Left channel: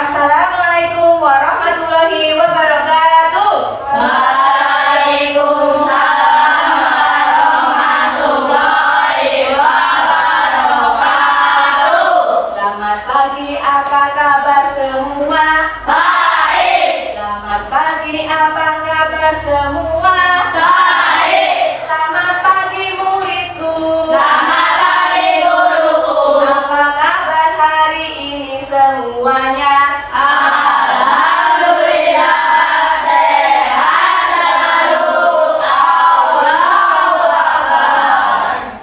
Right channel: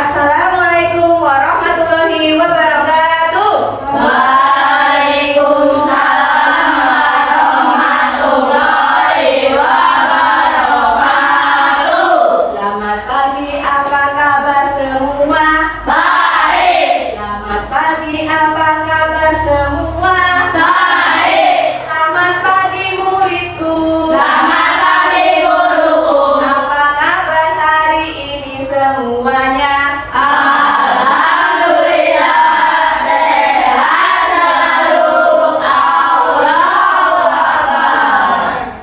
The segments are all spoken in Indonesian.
Assalamualaikum warahmatullahi wabarakatuh. Waalaikumsalam warahmatullahi wabarakatuh. Selamat pagi, apa kabar semua? Baik. Selamat pagi, apa kabar semua? Baik. Selamat pagi muridku. Selamat pagi guruku. Apa kabar hari ini semuanya? Alhamdulillah sehat selalu. Allahu Akbar.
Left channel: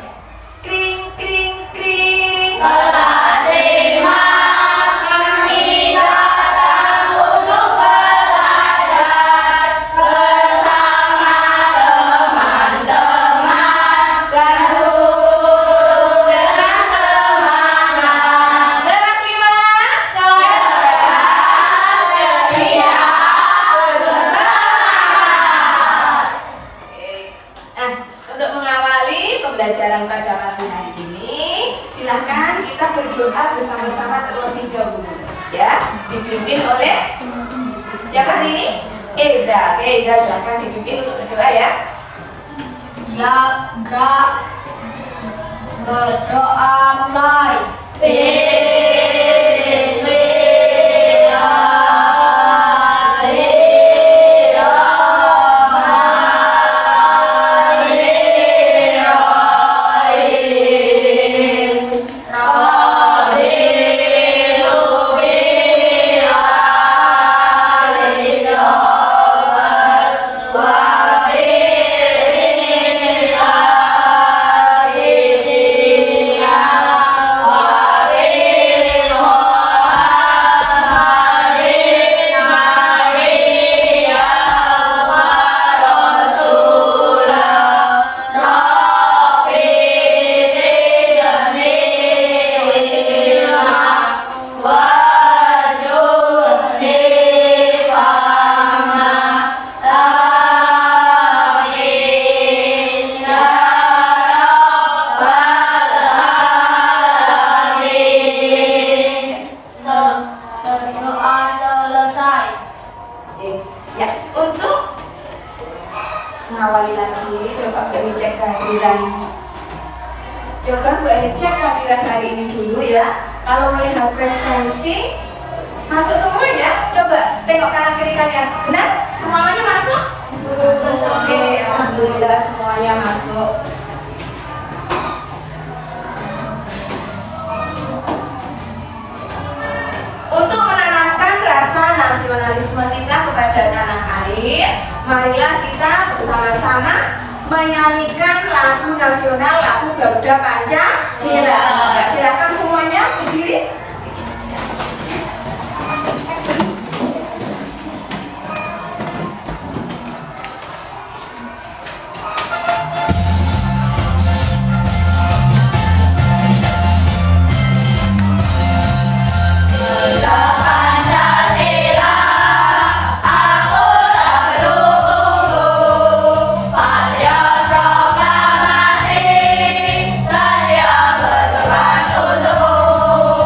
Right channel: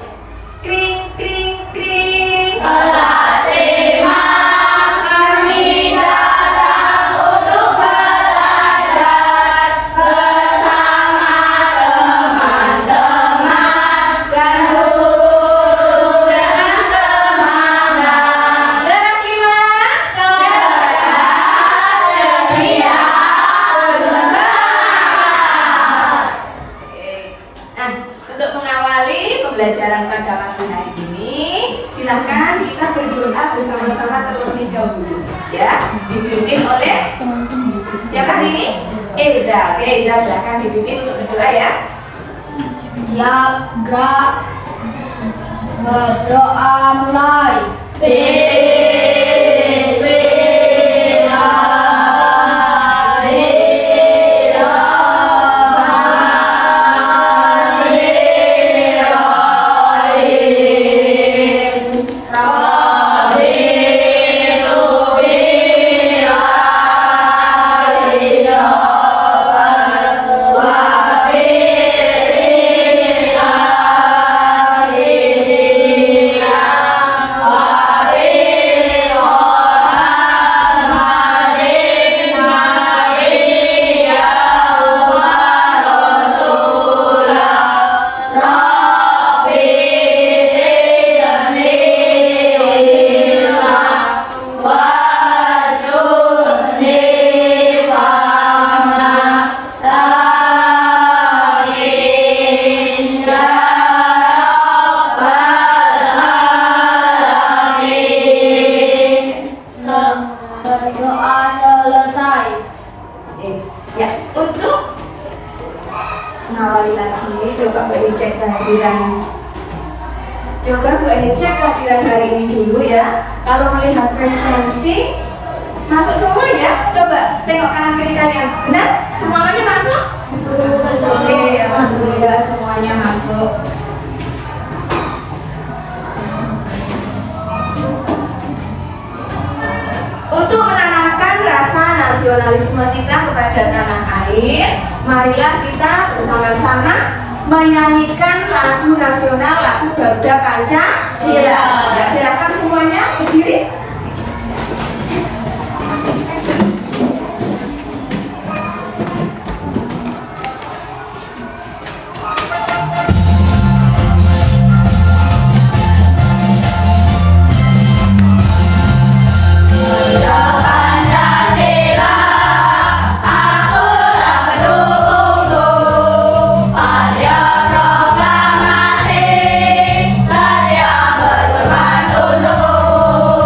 Kring kring kring. Kelas 5 kami datang untuk belajar bersama teman-teman dan guru dengan semangat. Kelas 5. Sedia bersemangat. Nah, untuk mengawali pembelajaran pada pagi hari ini, silakan kita berdoa bersama-sama terlebih dahulu. Ya, dipimpin oleh siapa hari ini? Eza. Oke, Eza silakan dipimpin untuk berdoa ya. Siap, gerak, berdoa mulai. Berdoa selesai. Ya, untuk mengawali lagi, coba Bu Eni cek kehadiran. Coba Bu Eni cek kehadiran hari ini dulu ya. Kalau melihat presensi, masuk semua ya. Coba tengok kanan kiri kalian. Benar? Semuanya masuk? Oke, alhamdulillah semuanya masuk. Untuk menanamkan rasa nasionalisme kita kepada tanah air, marilah kita bersama-sama menyanyikan lagu nasional, lagu Garuda Pancasila. Ya, silakan semuanya berdiri. Pancasila, aku tak mendukungmu. Pada proklamasi, saya berperan untuk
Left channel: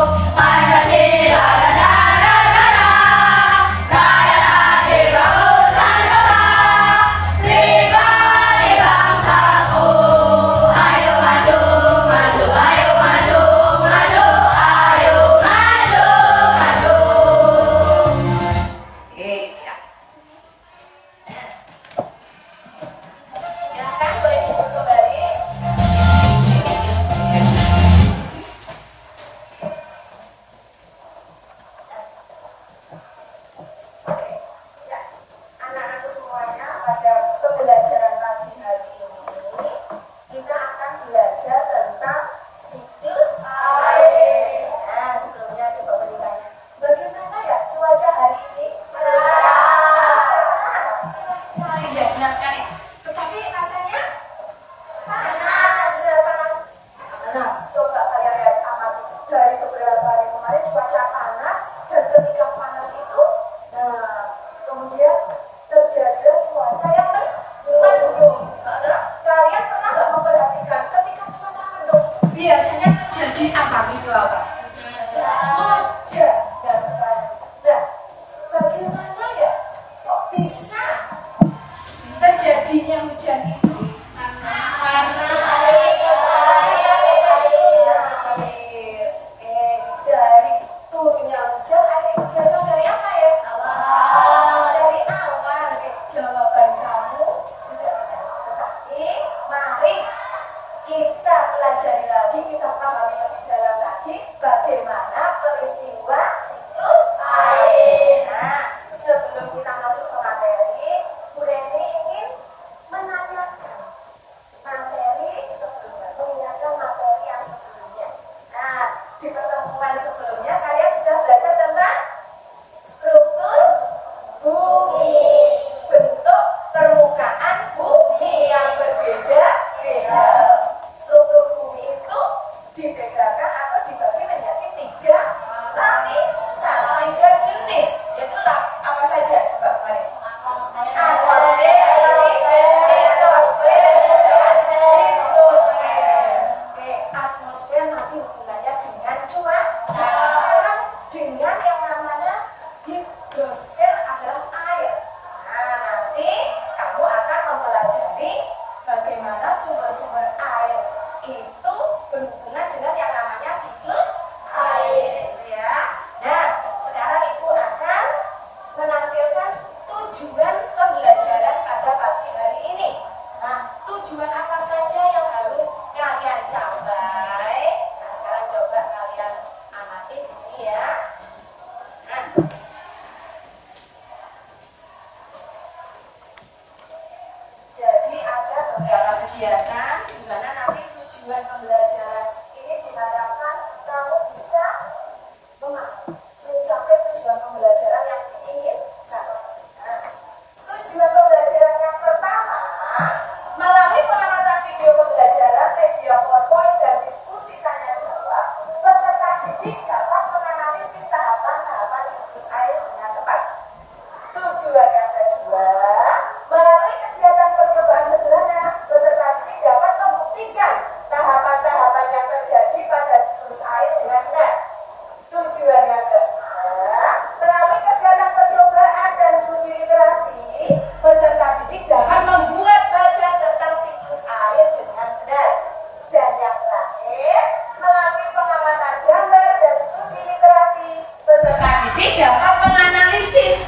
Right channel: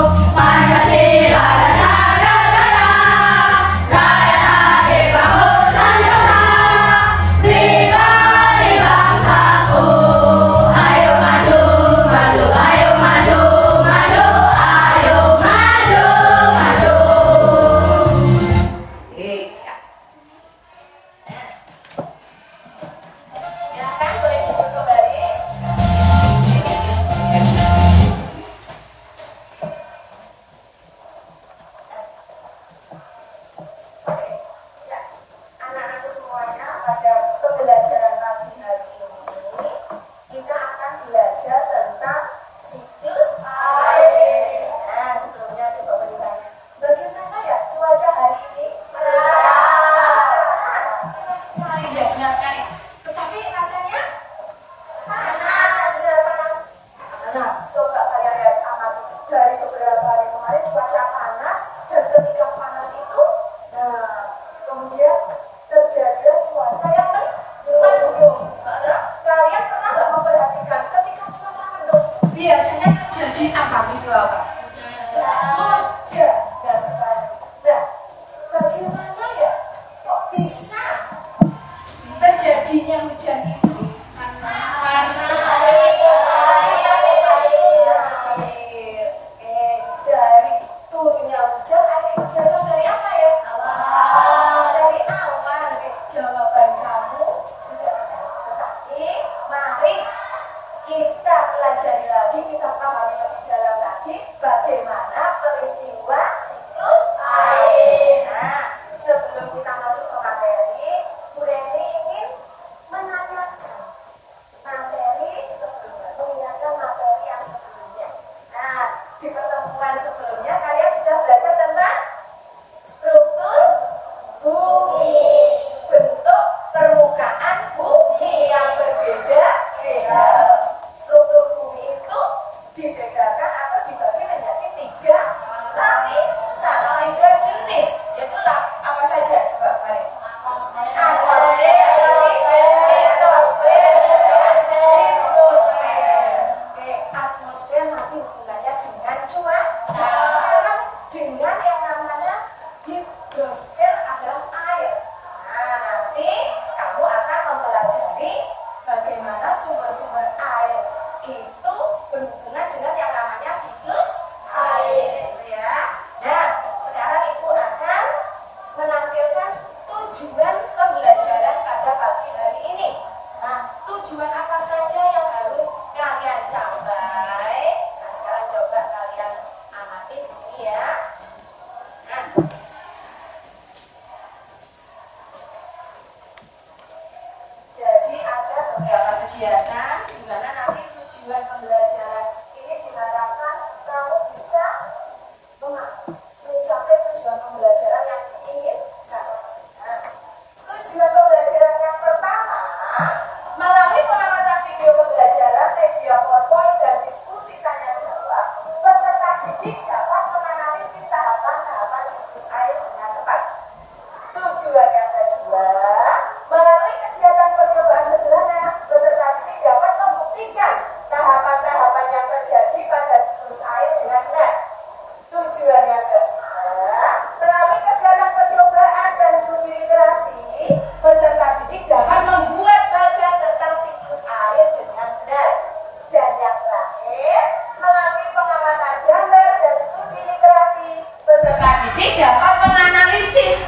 Jadi dapat menganalisis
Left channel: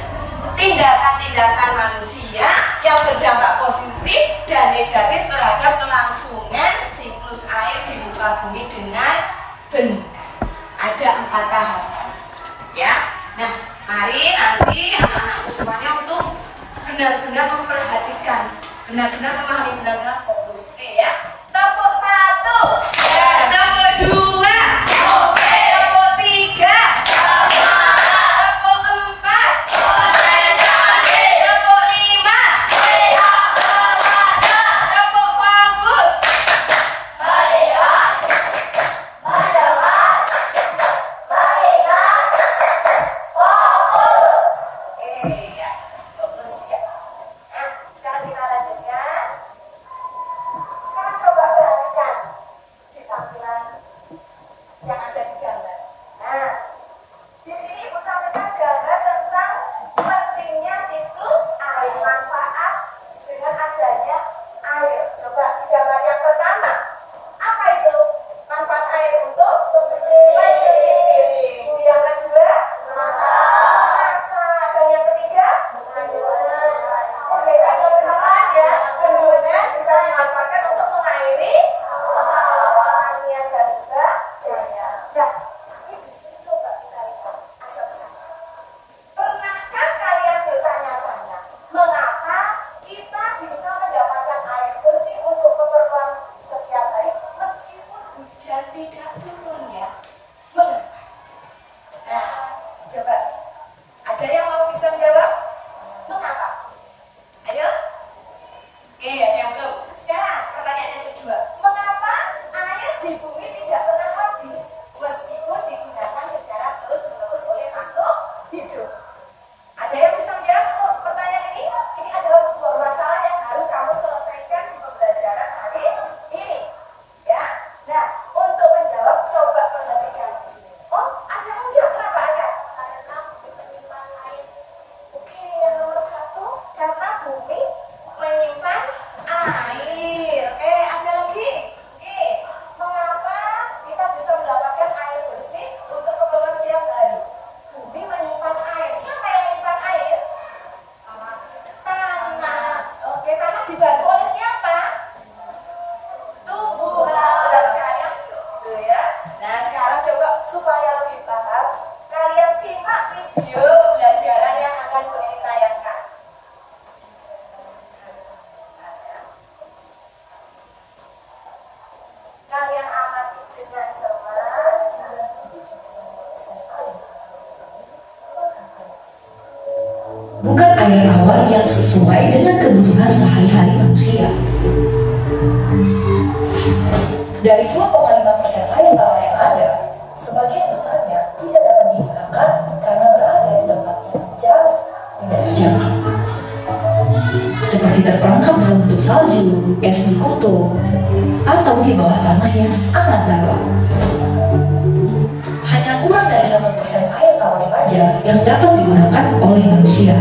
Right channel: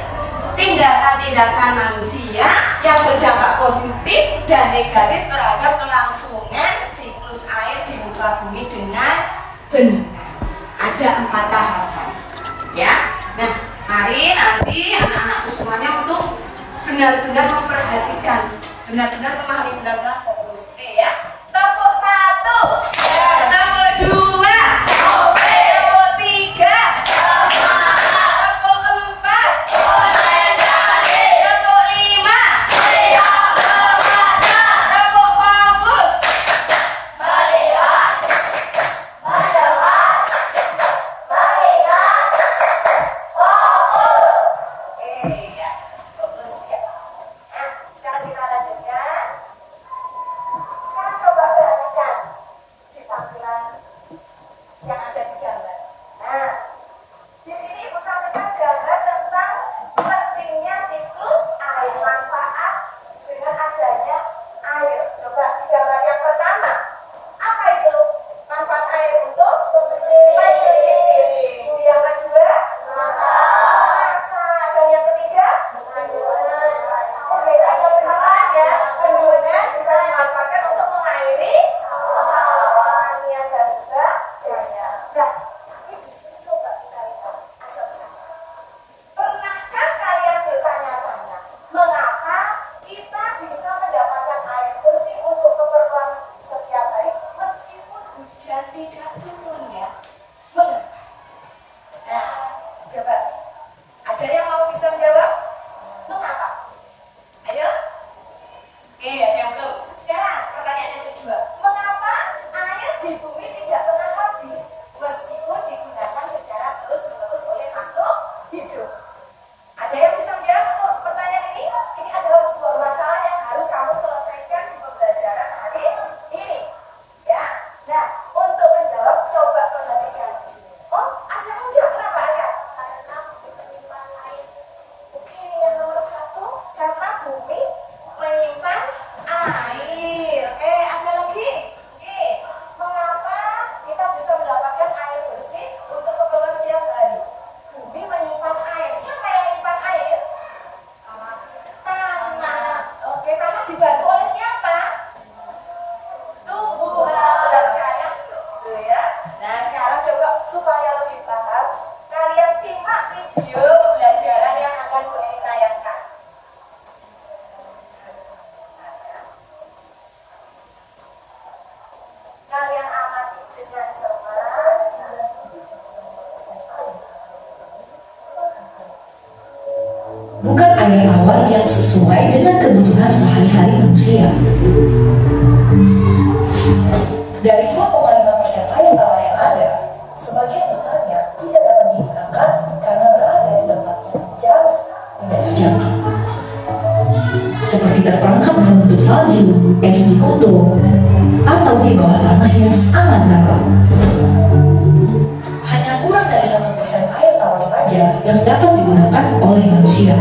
tindakan-tindakan manusia yang berdampak positif dan negatif terhadap kelangsungan siklus air di muka bumi dengan benar. Ada 4 tahapan, ya. Nah, mari nanti anak-anakku semuanya untuk benar-benar memperhatikan, benar-benar memahami, benar-benar fokus. Oke ya. Tepuk 1, tepuk 2, tepuk 3, tepuk 4, tepuk 5, tepuk fokus. Bukan air tawar yang sesuai dengan kebutuhan sehari-hari manusia. Dari 2,5% air tawar yang ada, sebagian besarnya tidak dapat digunakan karena berada di tempat yang jauh tidak terjangkau, seperti terperangkap dalam bentuk salju, es di kutub, atau di bawah tanah yang sangat dalam. Hanya kurang dari 1% air tawar saja yang dapat digunakan oleh manusia.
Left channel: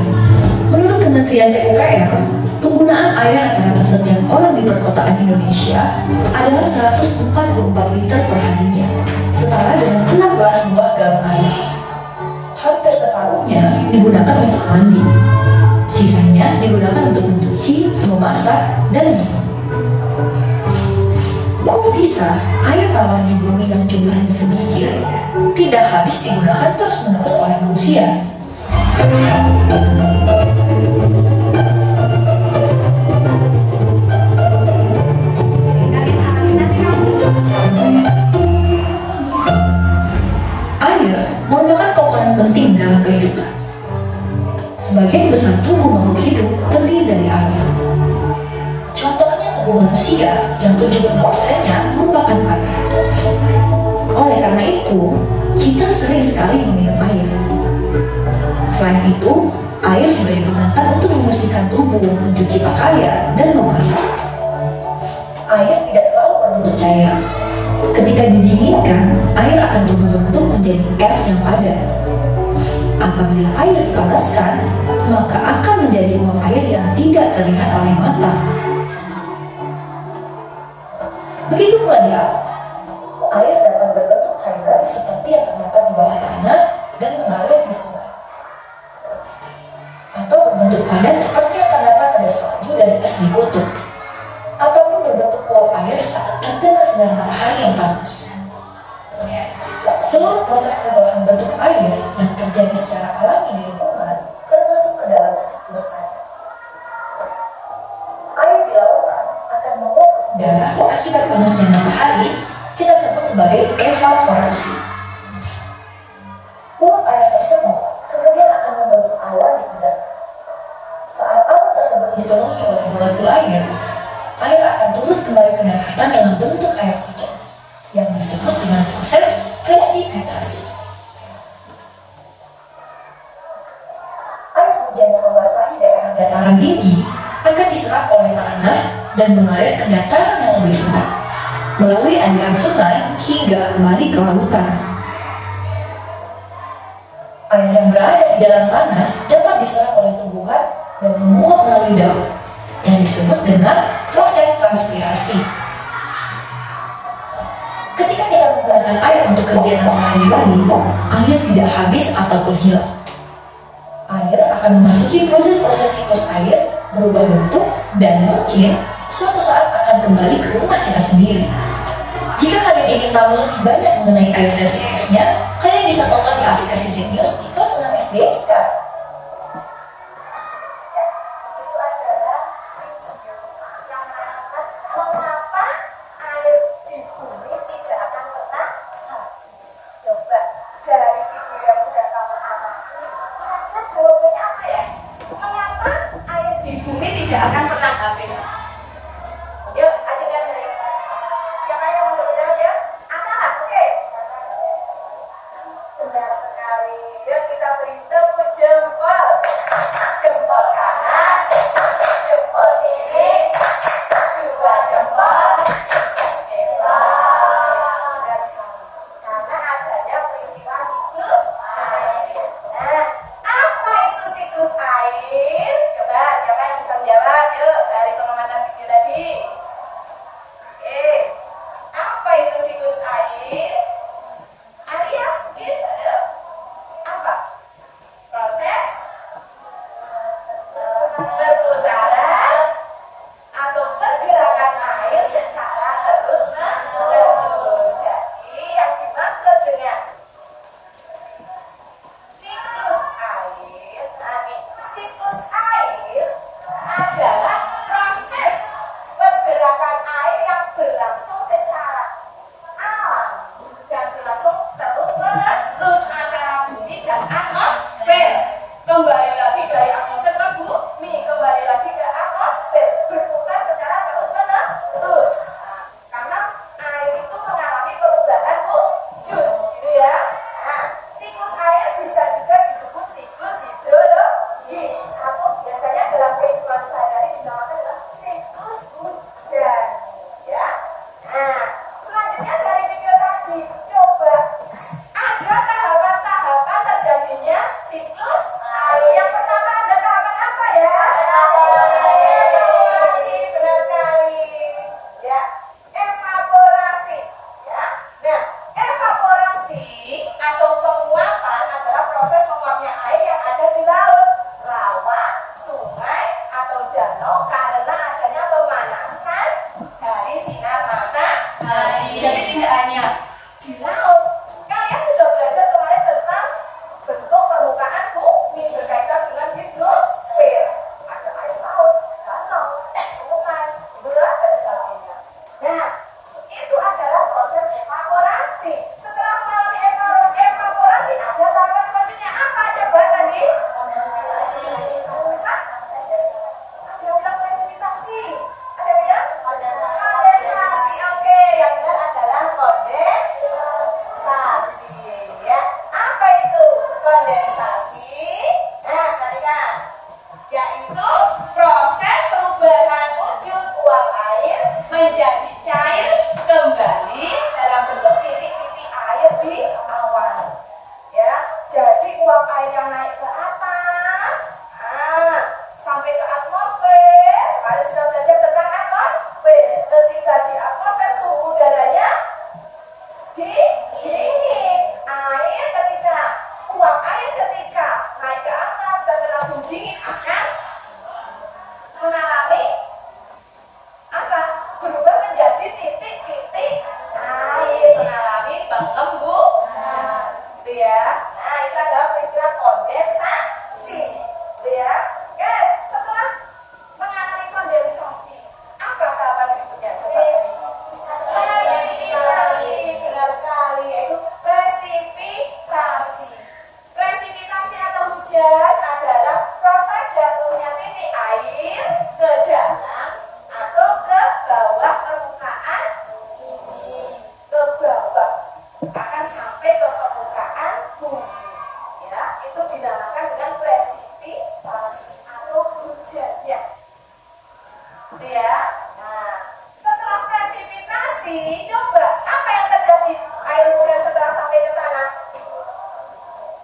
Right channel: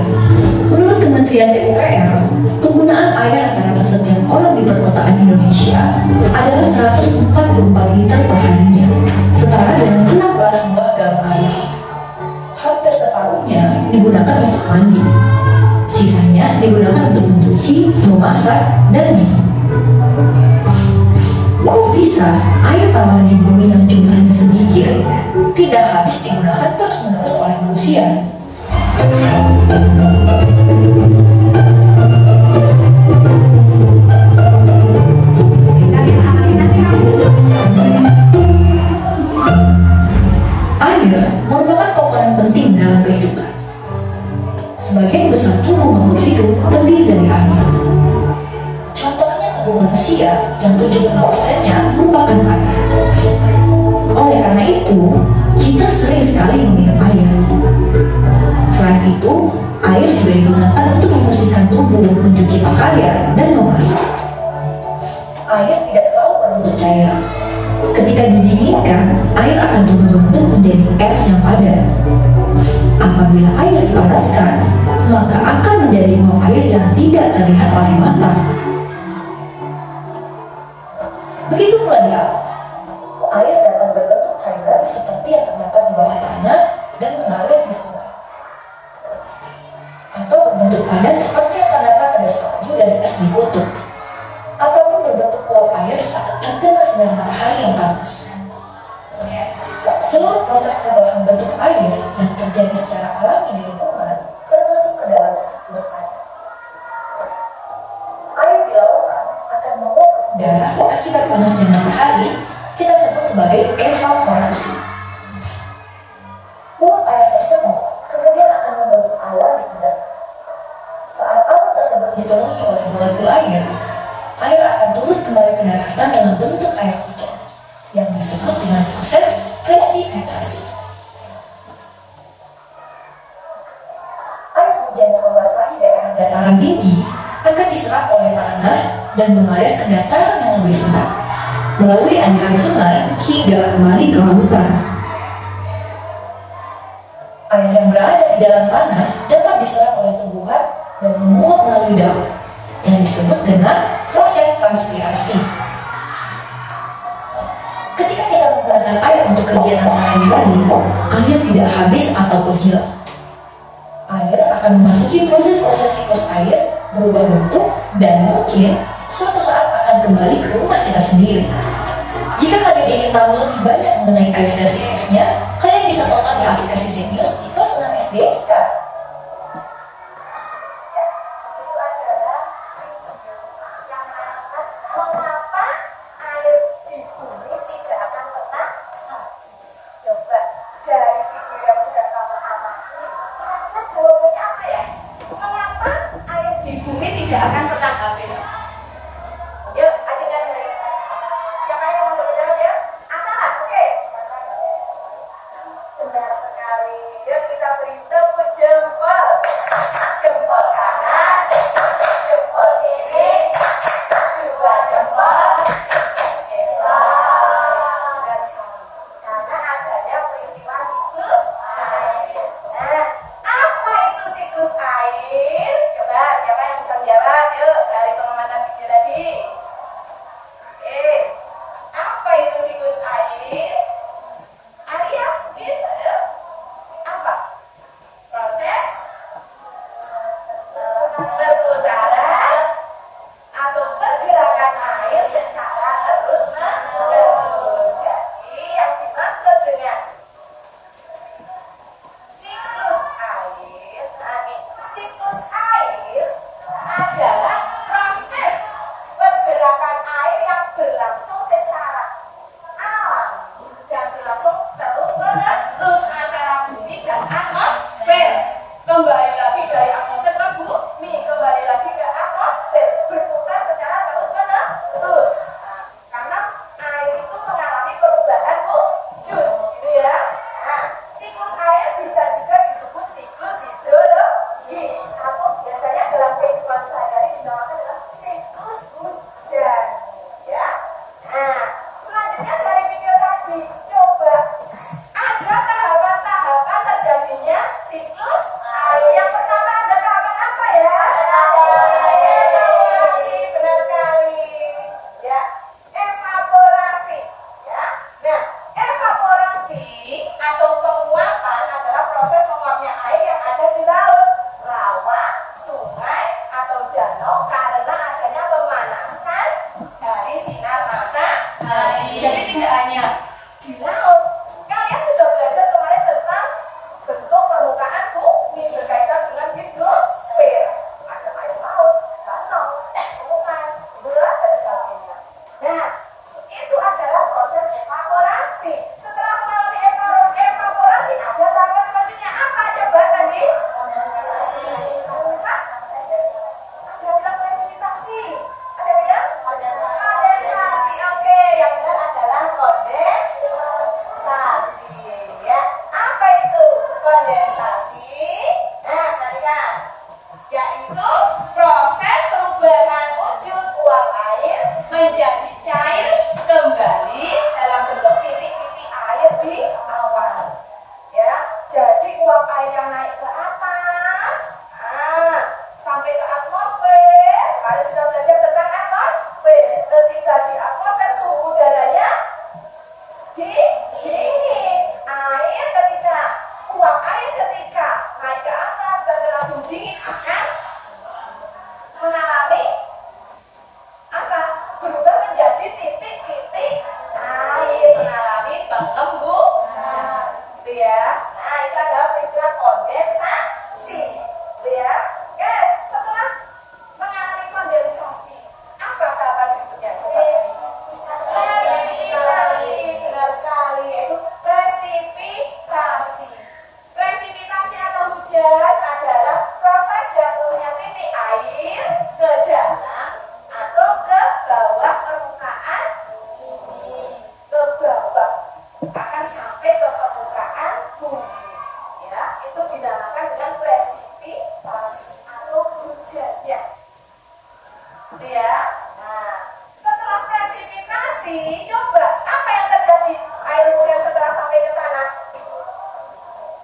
Menurut Kementerian PUPR, penggunaan air rata-rata setiap orang di perkotaan Indonesia adalah 144 liter per harinya, setara dengan 16 buah galon air. Hampir separuhnya digunakan untuk mandi, sisanya digunakan untuk mencuci, memasak, dan minum. Kok bisa air tawar di bumi yang jumlahnya sedikit tidak habis digunakan terus-menerus oleh manusia? Air merupakan komponen penting dalam kehidupan. Sebagian besar tubuh makhluk hidup terdiri dari air. Contohnya tubuh manusia yang 70%-nya merupakan air. Oleh karena itu, kita sering sekali meminum air. Selain itu, air juga digunakan untuk membersihkan tubuh, mencuci pakaian, dan memasak. Air tidak selalu berbentuk cairan. Ketika didinginkan, air akan berbentuk menjadi es yang padat. Apabila air dipanaskan, maka akan menjadi uap air yang tidak terlihat oleh mata. Begitu pula darat. Air dapat berbentuk cairan seperti yang terdapat di bawah tanah dan mengalir di sungai. padat seperti yang terdapat pada salju dan es di kutub, ataupun berbentuk uap air saat terkena sinar matahari yang panas. Seluruh proses perubahan bentuk air yang terjadi secara alami di lingkungan termasuk ke dalam siklus air. Air di lautan akan menguap ke udara akibat panasnya matahari, kita sebut sebagai evaporasi. Uap air tersebut kemudian akan membentuk awan di udara. Saat awan tersebut dipenuhi oleh molekul air, air akan turun kembali ke daratan dalam bentuk air hujan yang disebut dengan proses presipitasi. Air hujan yang membasahi daerah dataran tinggi akan diserap oleh tanah dan mengalir ke dataran yang lebih rendah melalui aliran sungai hingga kembali ke lautan. Air yang berada di dalam tanah dapat diserap oleh tumbuhan dan menguap melalui daun yang disebut dengan proses transpirasi. Ketika kita menggunakan air untuk kegiatan sehari-hari, air tidak habis ataupun hilang. Air akan memasuki proses-proses siklus air, berubah bentuk, dan mungkin suatu saat akan kembali ke rumah kita sendiri. Jika kalian ingin tahu lebih banyak mengenai air dan siklusnya, kalian bisa tonton di aplikasi Zenius di kelas 6 SD sekarang. Tidak akan pernah habis. Yuk, ajudan nih. Siapa yang mau berjawab ya? Anak, oke. Benar sekali. Yuk kita beri tepuk jempol. Jempol kanan, jempol kiri, dua jempol. Hebat. Karena adanya peristiwa siklus air. Nah, apa itu siklus air? Coba siapa yang bisa menjawab? Yuk, dari pengamatan dinamakan dengan presipitasi atau hujan ya. Gitu ya. Nah, setelah presipitasi, coba apa yang terjadi air hujan setelah sampai ke tanah?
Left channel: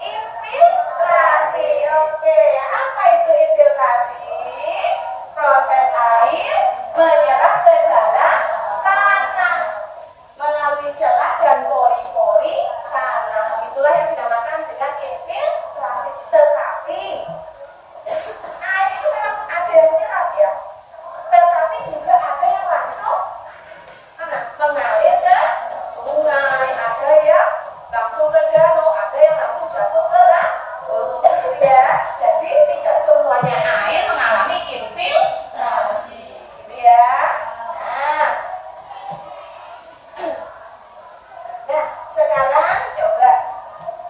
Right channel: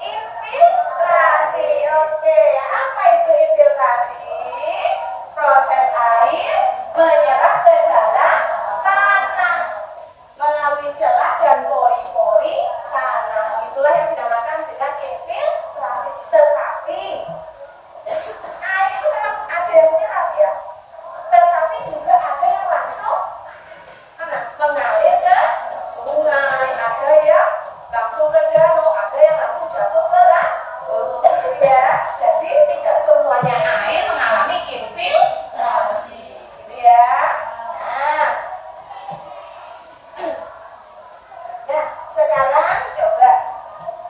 Infiltrasi. Oke, apa itu infiltrasi? Proses air menyerap ke dalam tanah melalui celah dan pori-pori tanah. Itulah yang dinamakan dengan infiltrasi. Tetapi air itu memang ada yang menyerap ya, tetapi juga ada yang langsung mengalir ke sungai, ada yang langsung ke danau, ada yang langsung jatuh ke laut ya. Jadi tidak semuanya air mengalami infiltrasi gitu ya. Nah, sekarang coba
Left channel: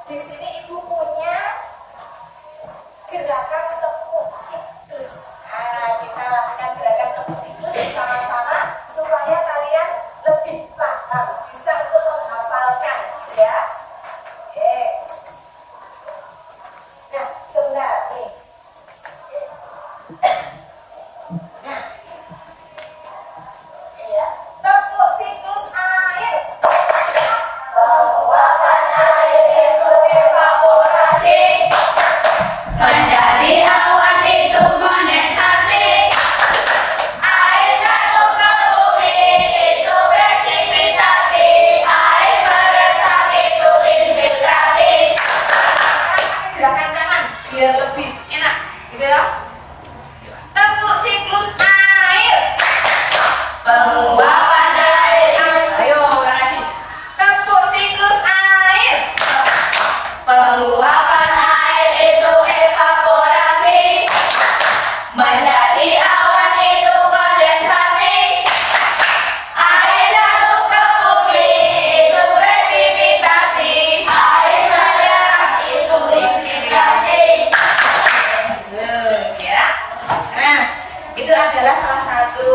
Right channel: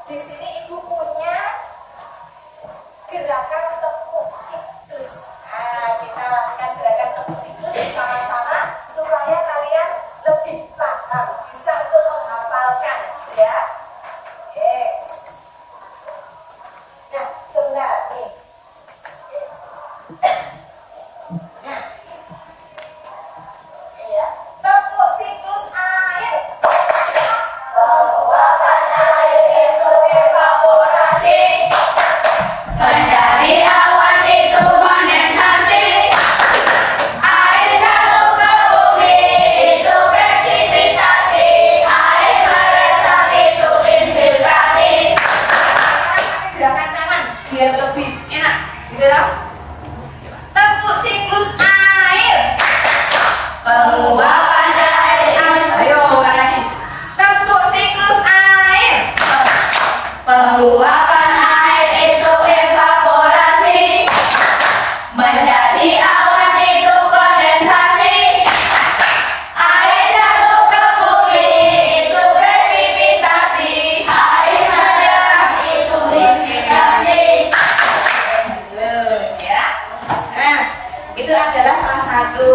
di sini ibu punya gerakan tepuk siklus. Kita akan gerakan tepuk siklus bersama-sama supaya kalian lebih paham, bisa untuk menghafalkan ya. Oke. Nah, sebentar nih. Nah, iya, tepuk siklus air. Penguapan air itu evaporasi, menjadi awan itu kondensasi, air jatuh ke bumi itu presipitasi, air meresap itu infiltrasi. Gerakan tangan biar lebih enak gitu ya. Tepuk siklus air. Penguapan air, Ayo ulang lagi. Tepuk siklus air. penguapan air itu evaporasi, menjadi awan itu kondensasi, air jatuh ke bumi itu presipitasi, air meresap itu infiltrasi. Bagus ya. Nah, itu adalah salah satu,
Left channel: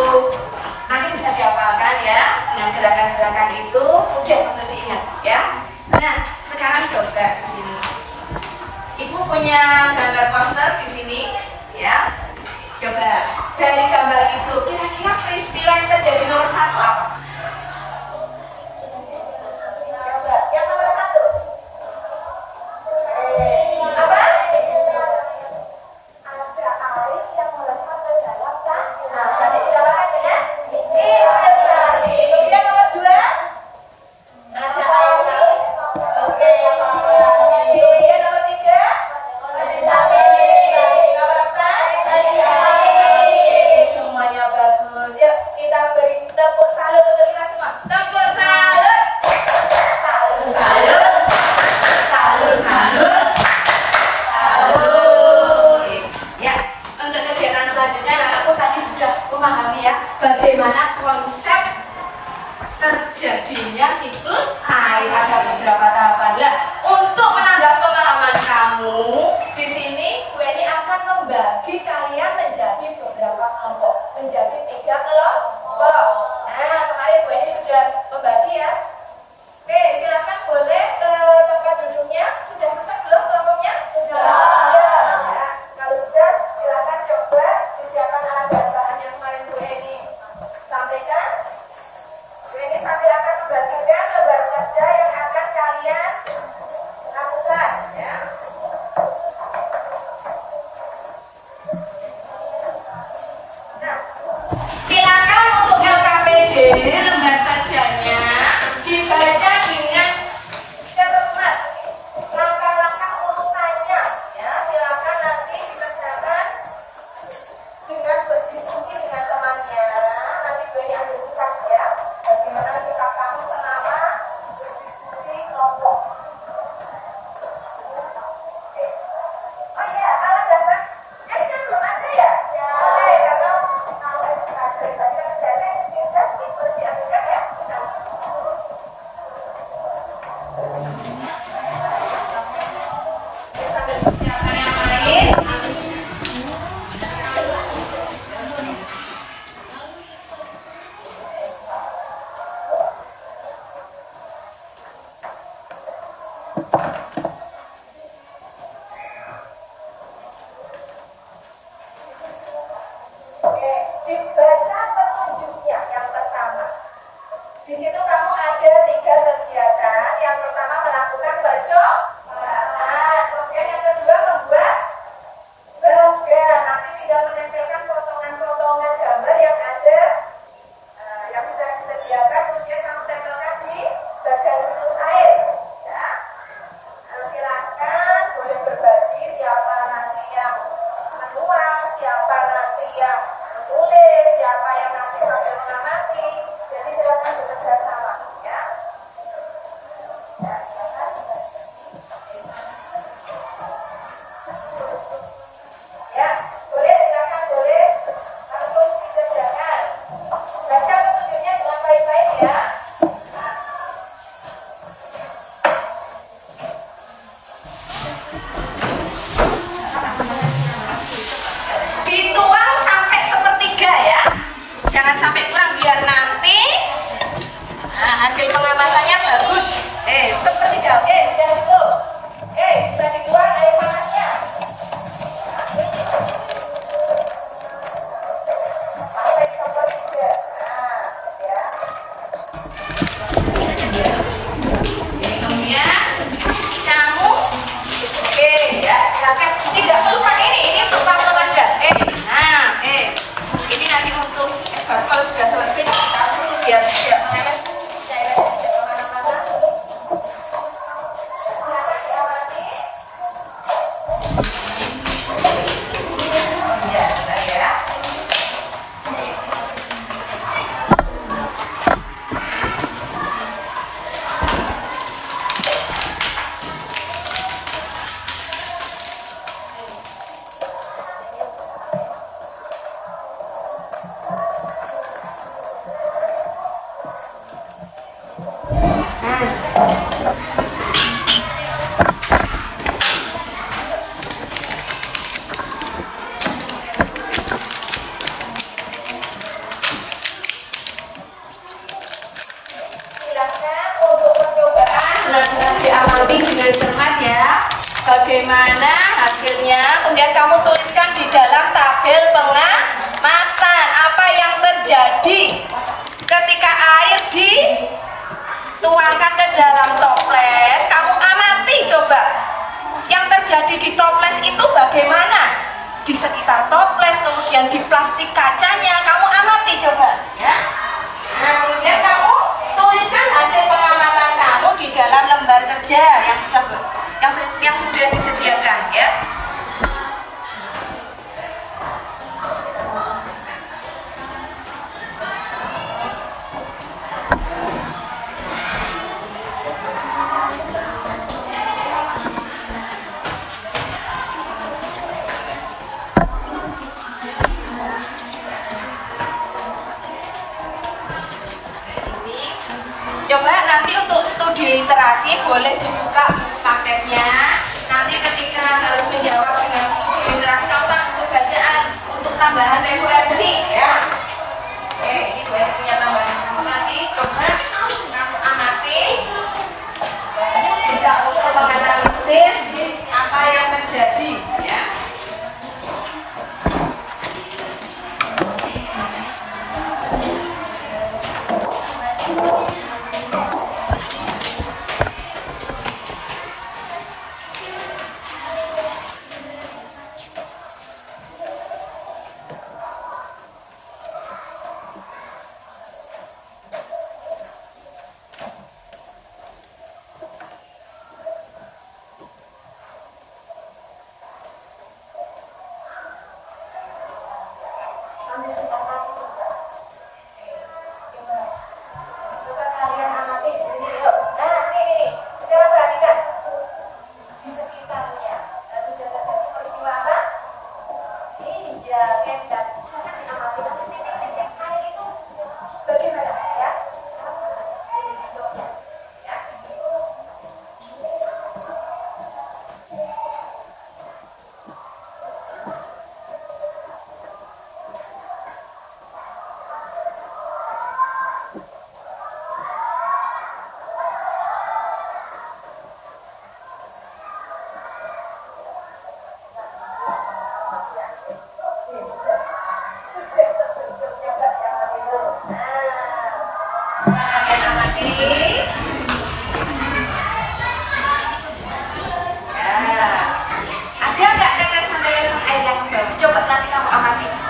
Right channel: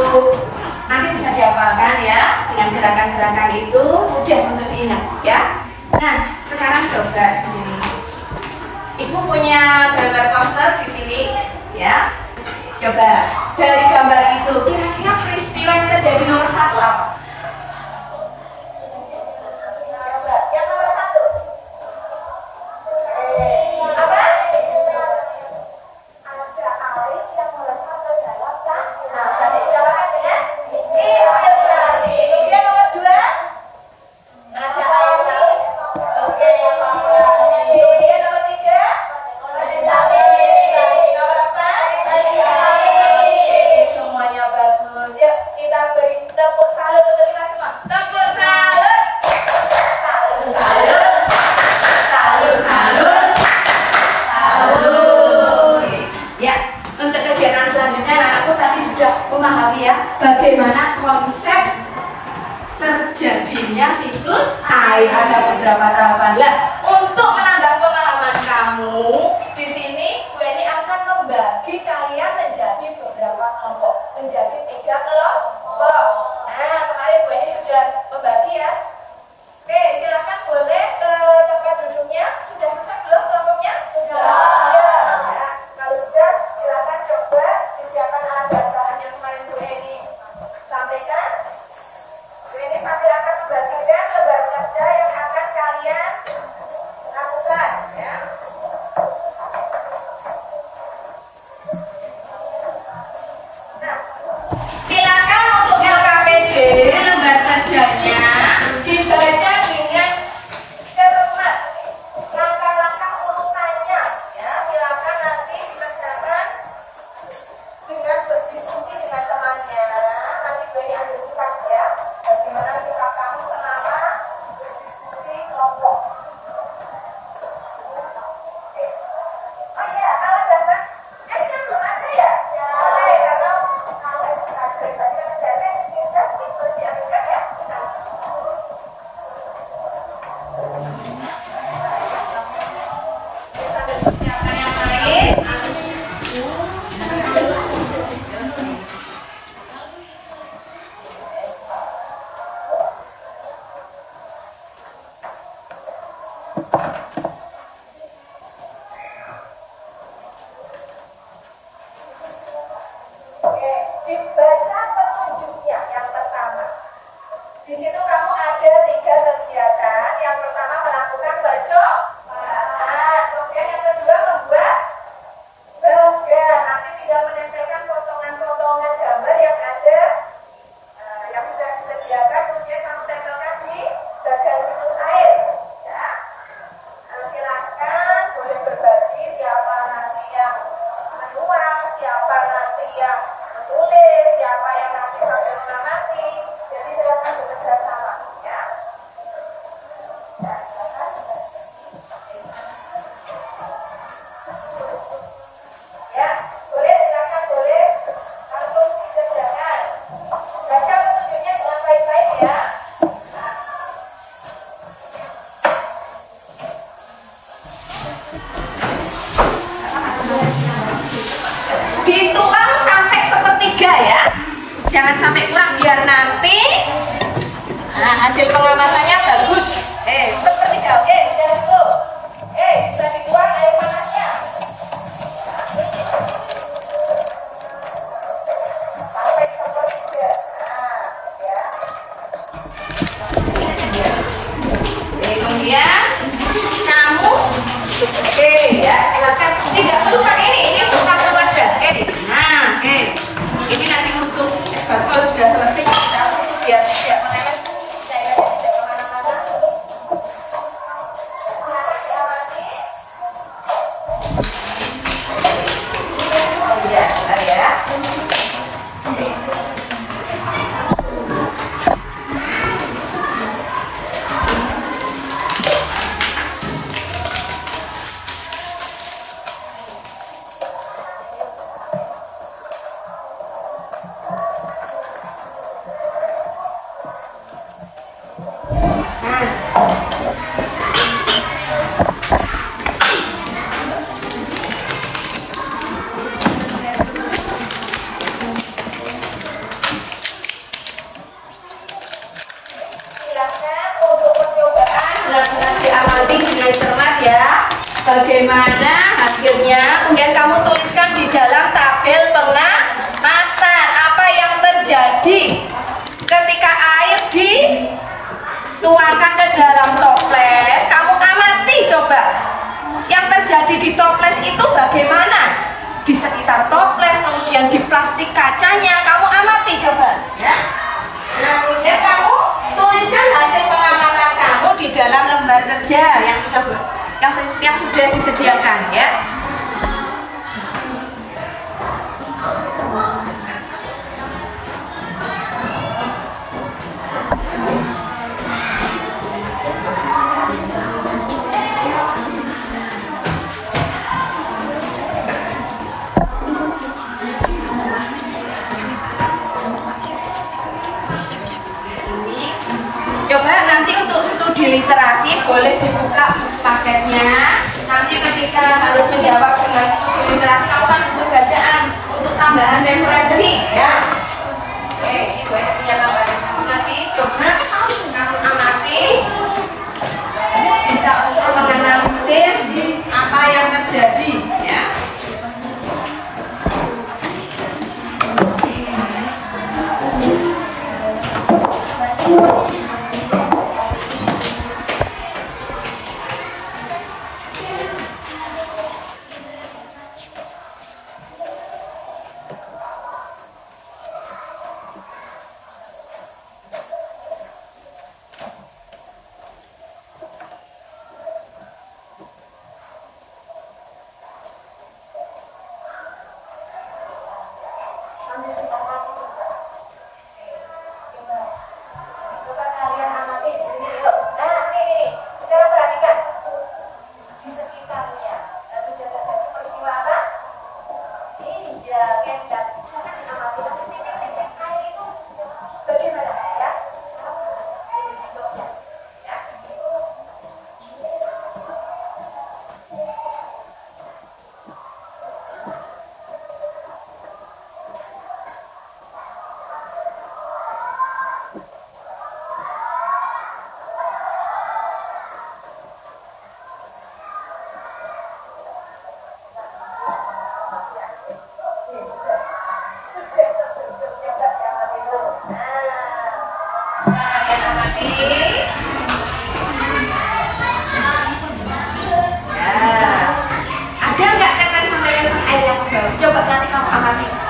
nanti bisa dihafalkan ya. Dengan gerakan-gerakan itu mudah untuk diingat ya. Nah, sekarang coba di sini. Ibu punya gambar poster di sini ya. Coba dari gambar itu kira-kira peristiwa yang terjadi nomor 1 apa? Coba yang nomor 1. Apa? Ada air yang melesat ke dalam tanah. Tadi dinamakan dengan infiltrasi. Kemudian nomor 2, ada air. Oke, evaporasi. Kemudian nomor 3, kondensasi. Nomor 4, presipitasi. Semuanya bagus. Yuk, kita beri tepuk salut untuk kita semua. Tepuk salut. Salut, salut. Salut, salut, salut. Ya, untuk kegiatan selanjutnya anakku tadi sudah memahami ya bagaimana konsep terjadinya siklus air. Ada beberapa tahapan lah. Untuk menambah pengalaman kamu di sini, Bu Eni akan membagi kalian menjadi beberapa kelompok, menjadi 3 kelompok. Nah, kemarin Bu Eni sudah membagi ya. Oke, silakan boleh ke tempat duduknya. Sudah sesuai belum kelompoknya? Sudah. Ya, kalau sudah, silakan coba disiapkan alat dan bahan yang kemarin Bu Eni sampaikan. Bu Eni sambil akan membagikan lembar kerja yang akan kalian jangan sampai kurang biar nanti hasil pengamatannya bagus. Sepertiga, oke, sudah cukup. Bisa dibuang air panasnya. Sampai sepertiga. Kemudian kamu, ya silakan. Tidak perlu pakai ini untuk pakai wadah. Ini nanti untuk kalau sudah selesai kita tutup biar tidak bagaimana hasilnya, kemudian kamu tuliskan di dalam tabel pengamatan apa yang terjadi ketika air dituangkan ke dalam toples. Kamu amati coba yang terjadi di toples itu bagaimana di sekitar toples, kemudian di plastik kacanya, kamu amati coba ya. Nah, kemudian kamu tuliskan hasil pengamatan kamu di dalam lembar kerja yang sudah disediakan ya. Coba nanti untuk studi literasi boleh dibuka paketnya. Nanti ketika harus menjawab dengan studi literasi, kamu kan butuh bacaan untuk tambahan referensi ya. Oke, ini gue punya tambahan nanti. Coba kamu amati, bisa untuk menganalisis apa yang terjadi ya.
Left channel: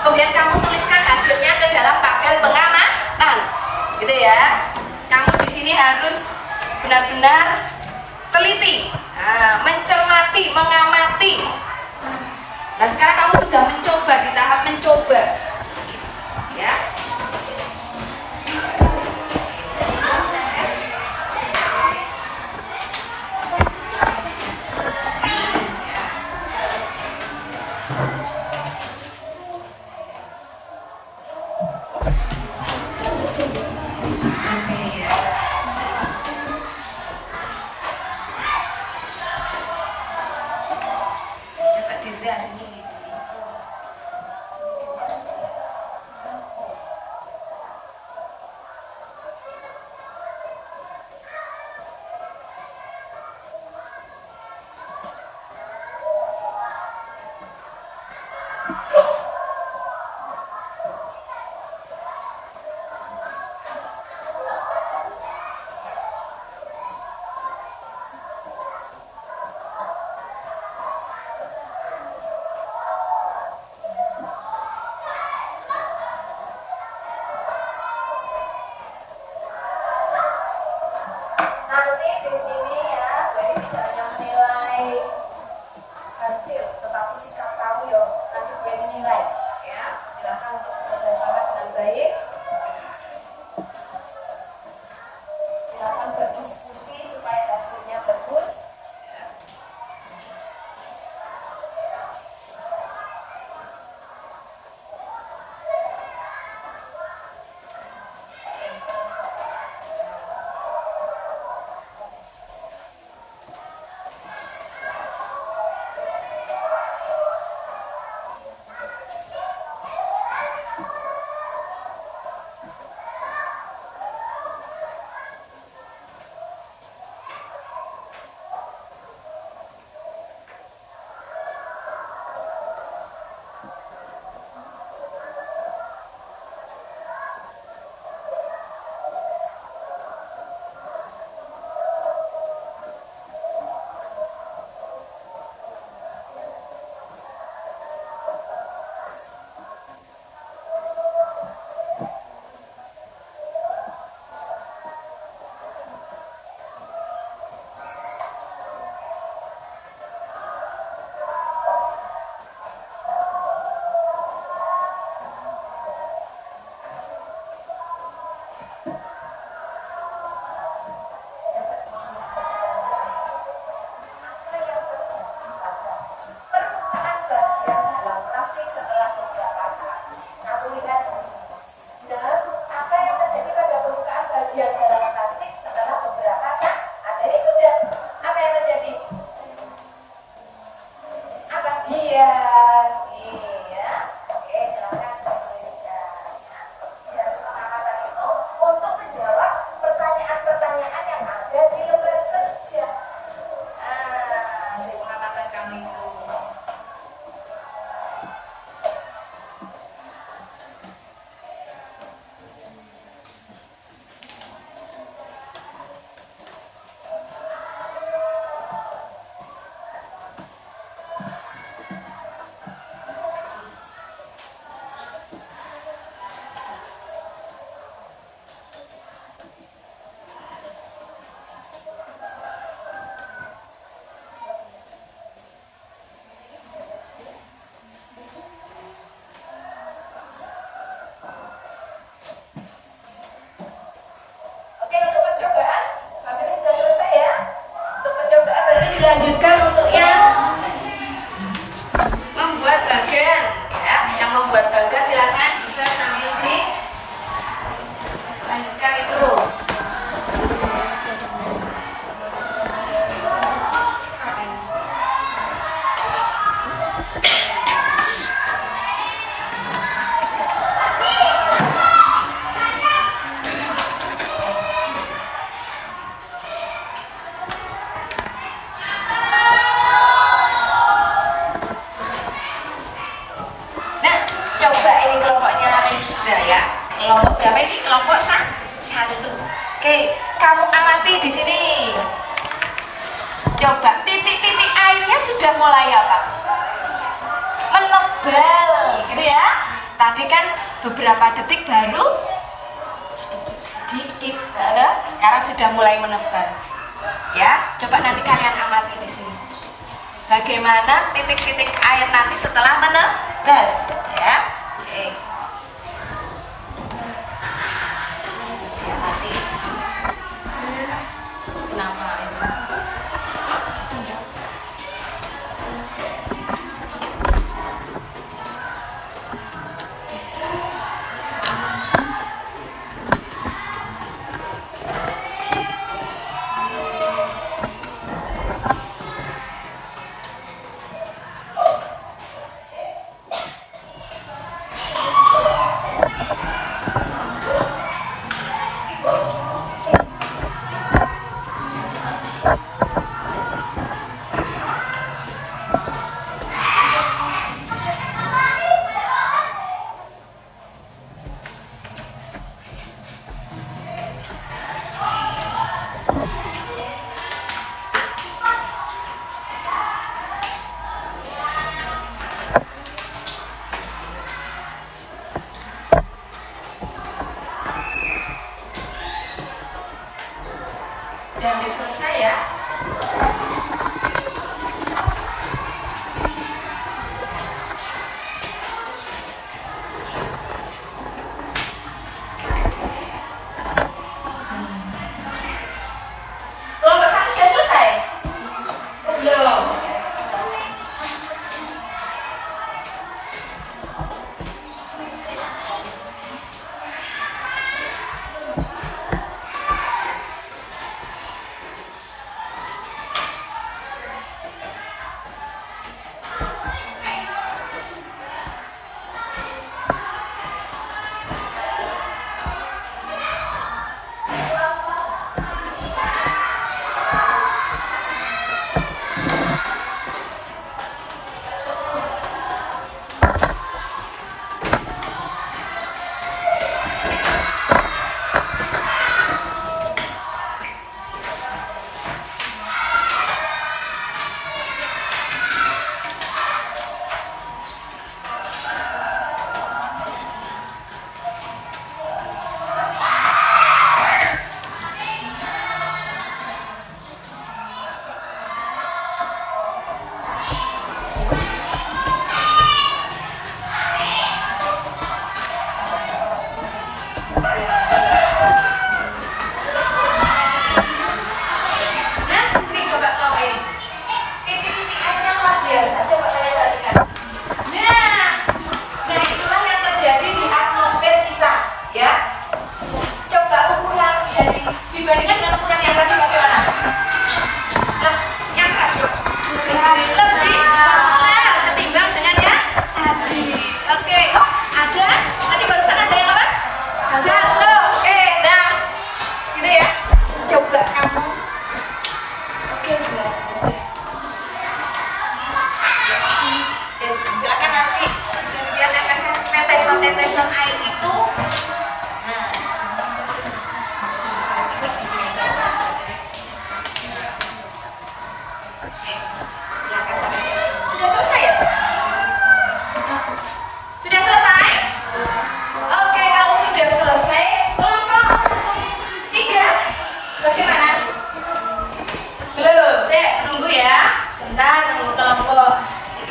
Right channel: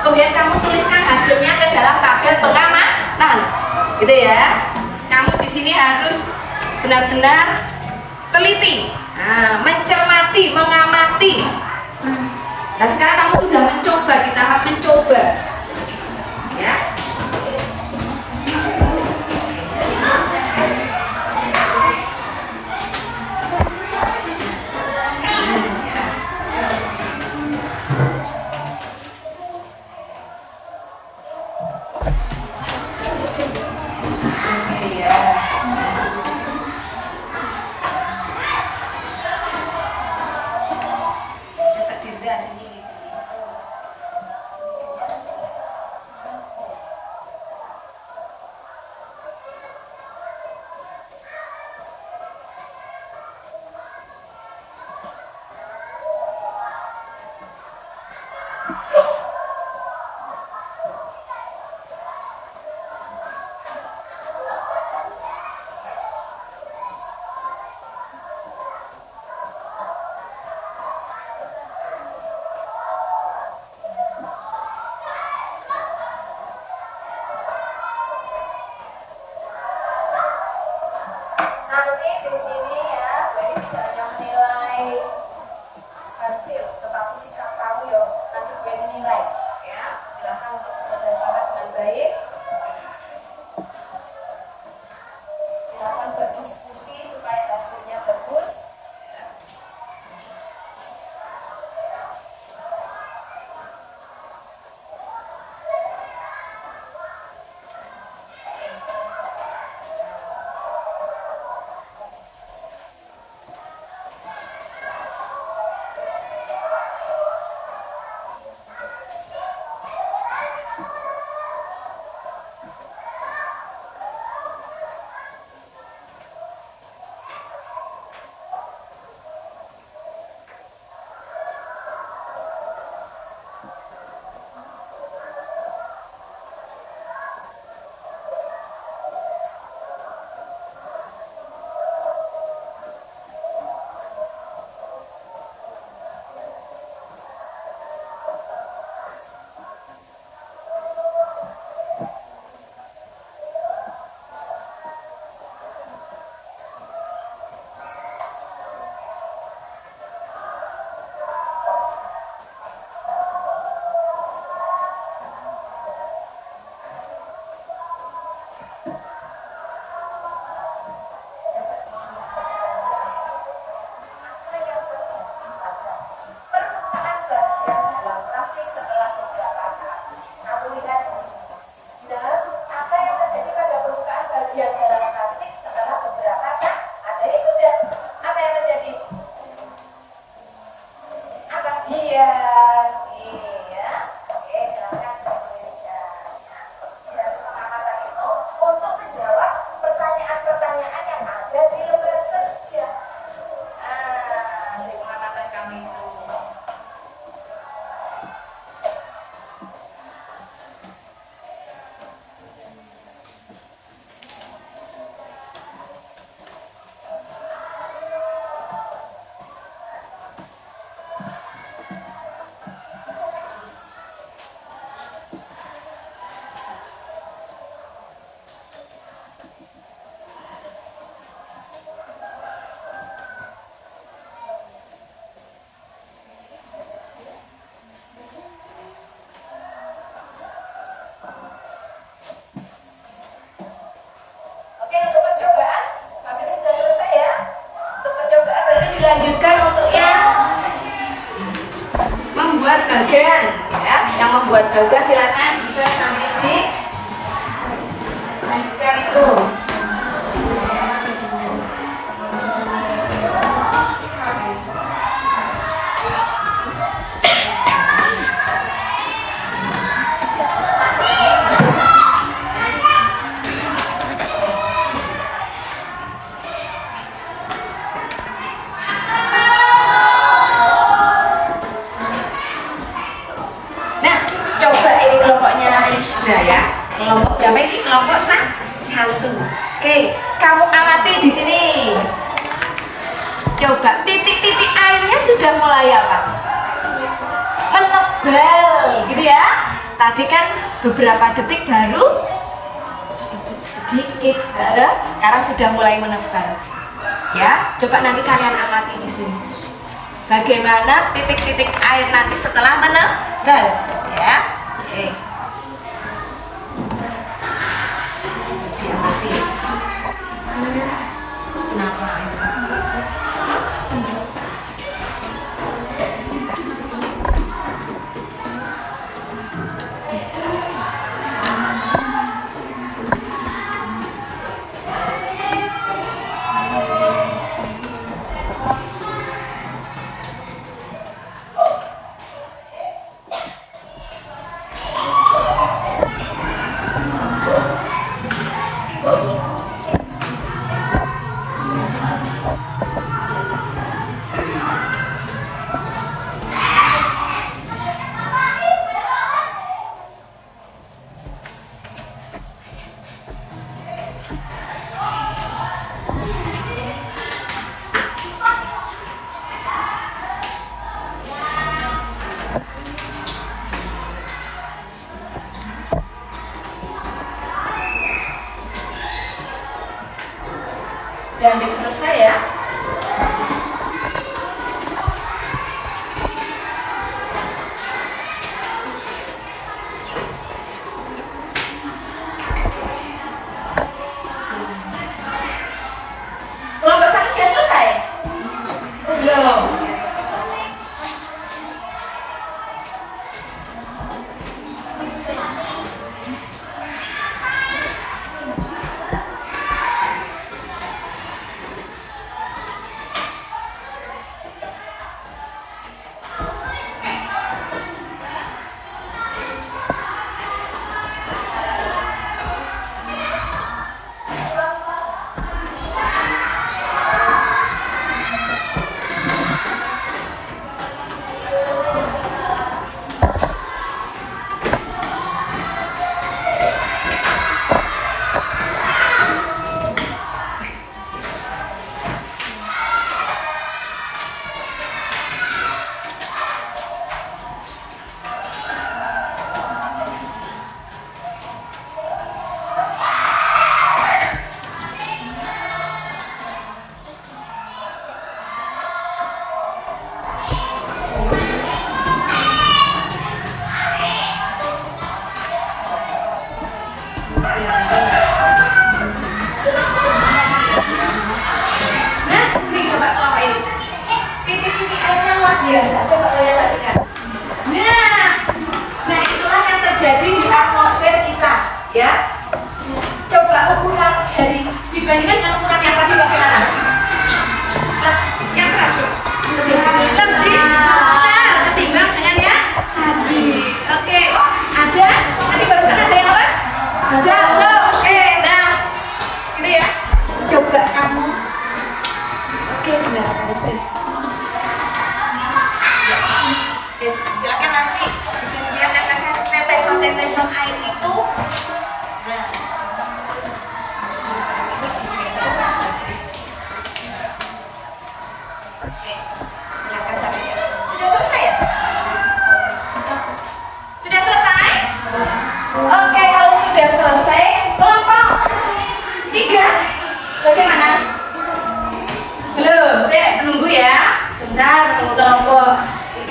Kemudian kamu tuliskan hasilnya ke dalam tabel pengamatan, gitu ya. Kamu di sini harus benar-benar teliti, mencermati, mengamati. Nah sekarang kamu sudah mencoba di tahap mencoba, ya. lagi ya. Oke, silakan Rizka. Ya, pengamatan itu untuk menjawab pertanyaan-pertanyaan yang ada di lembar kerja. Hasil pengamatan kamu itu. Dilanjutkan untuk yang membuat bagan ya, yang membuat bagan silakan bisa sambil dilanjutkan itu. Coba ini kelompoknya Rizka ya. Kelompok berapa ini? Kelompok satu. Oke, kamu amati di sini. Coba titik-titik airnya sudah mulai apa? Menebal, gitu ya. Tadi kan beberapa detik baru sedikit, sekarang sudah mulai menebal. Ya, coba nanti kalian amati di sini. Bagaimana titik-titik air nanti setelah menebal, ya. Oke. Diamati. Kenapa Aisyah?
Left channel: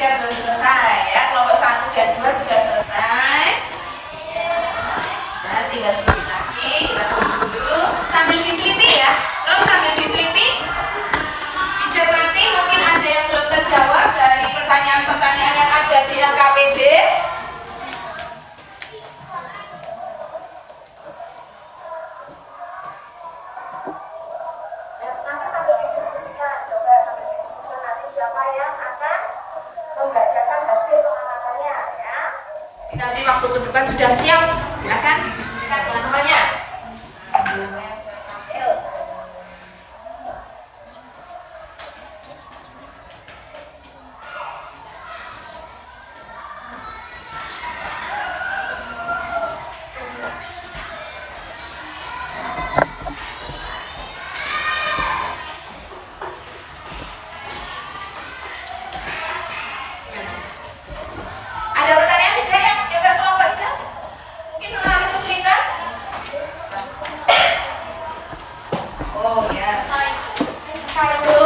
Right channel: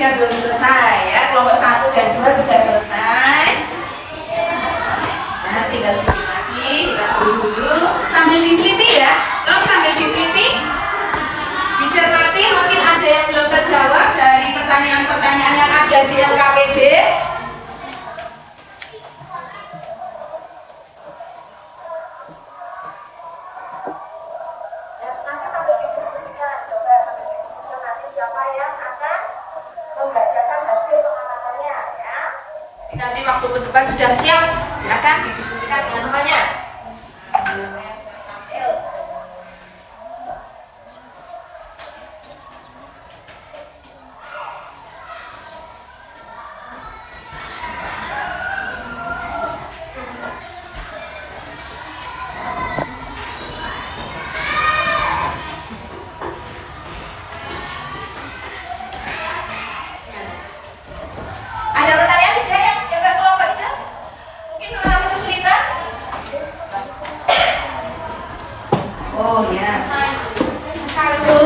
3 belum selesai ya. Kelompok 1 dan 2 sudah selesai. Nah, tinggal sedikit lagi. Dulu sambil diteliti ya. Kalau sambil diteliti, dicermati, mungkin ada yang belum terjawab dari pertanyaan-pertanyaan yang ada di LKPD. Nanti sambil didiskusikan, coba sambil didiskusikan nanti siapa yang akan membacakan hasil pengamatannya ya. Nanti waktu ke depan sudah siap, silakan didiskusikan dengan temannya. Ada pertanyaan tidak yang nggak kelompok itu? Mungkin mengalami kesulitan? Oh ya. Satu.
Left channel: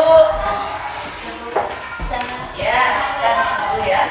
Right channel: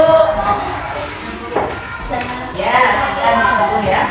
Ya, sebentar dulu ya.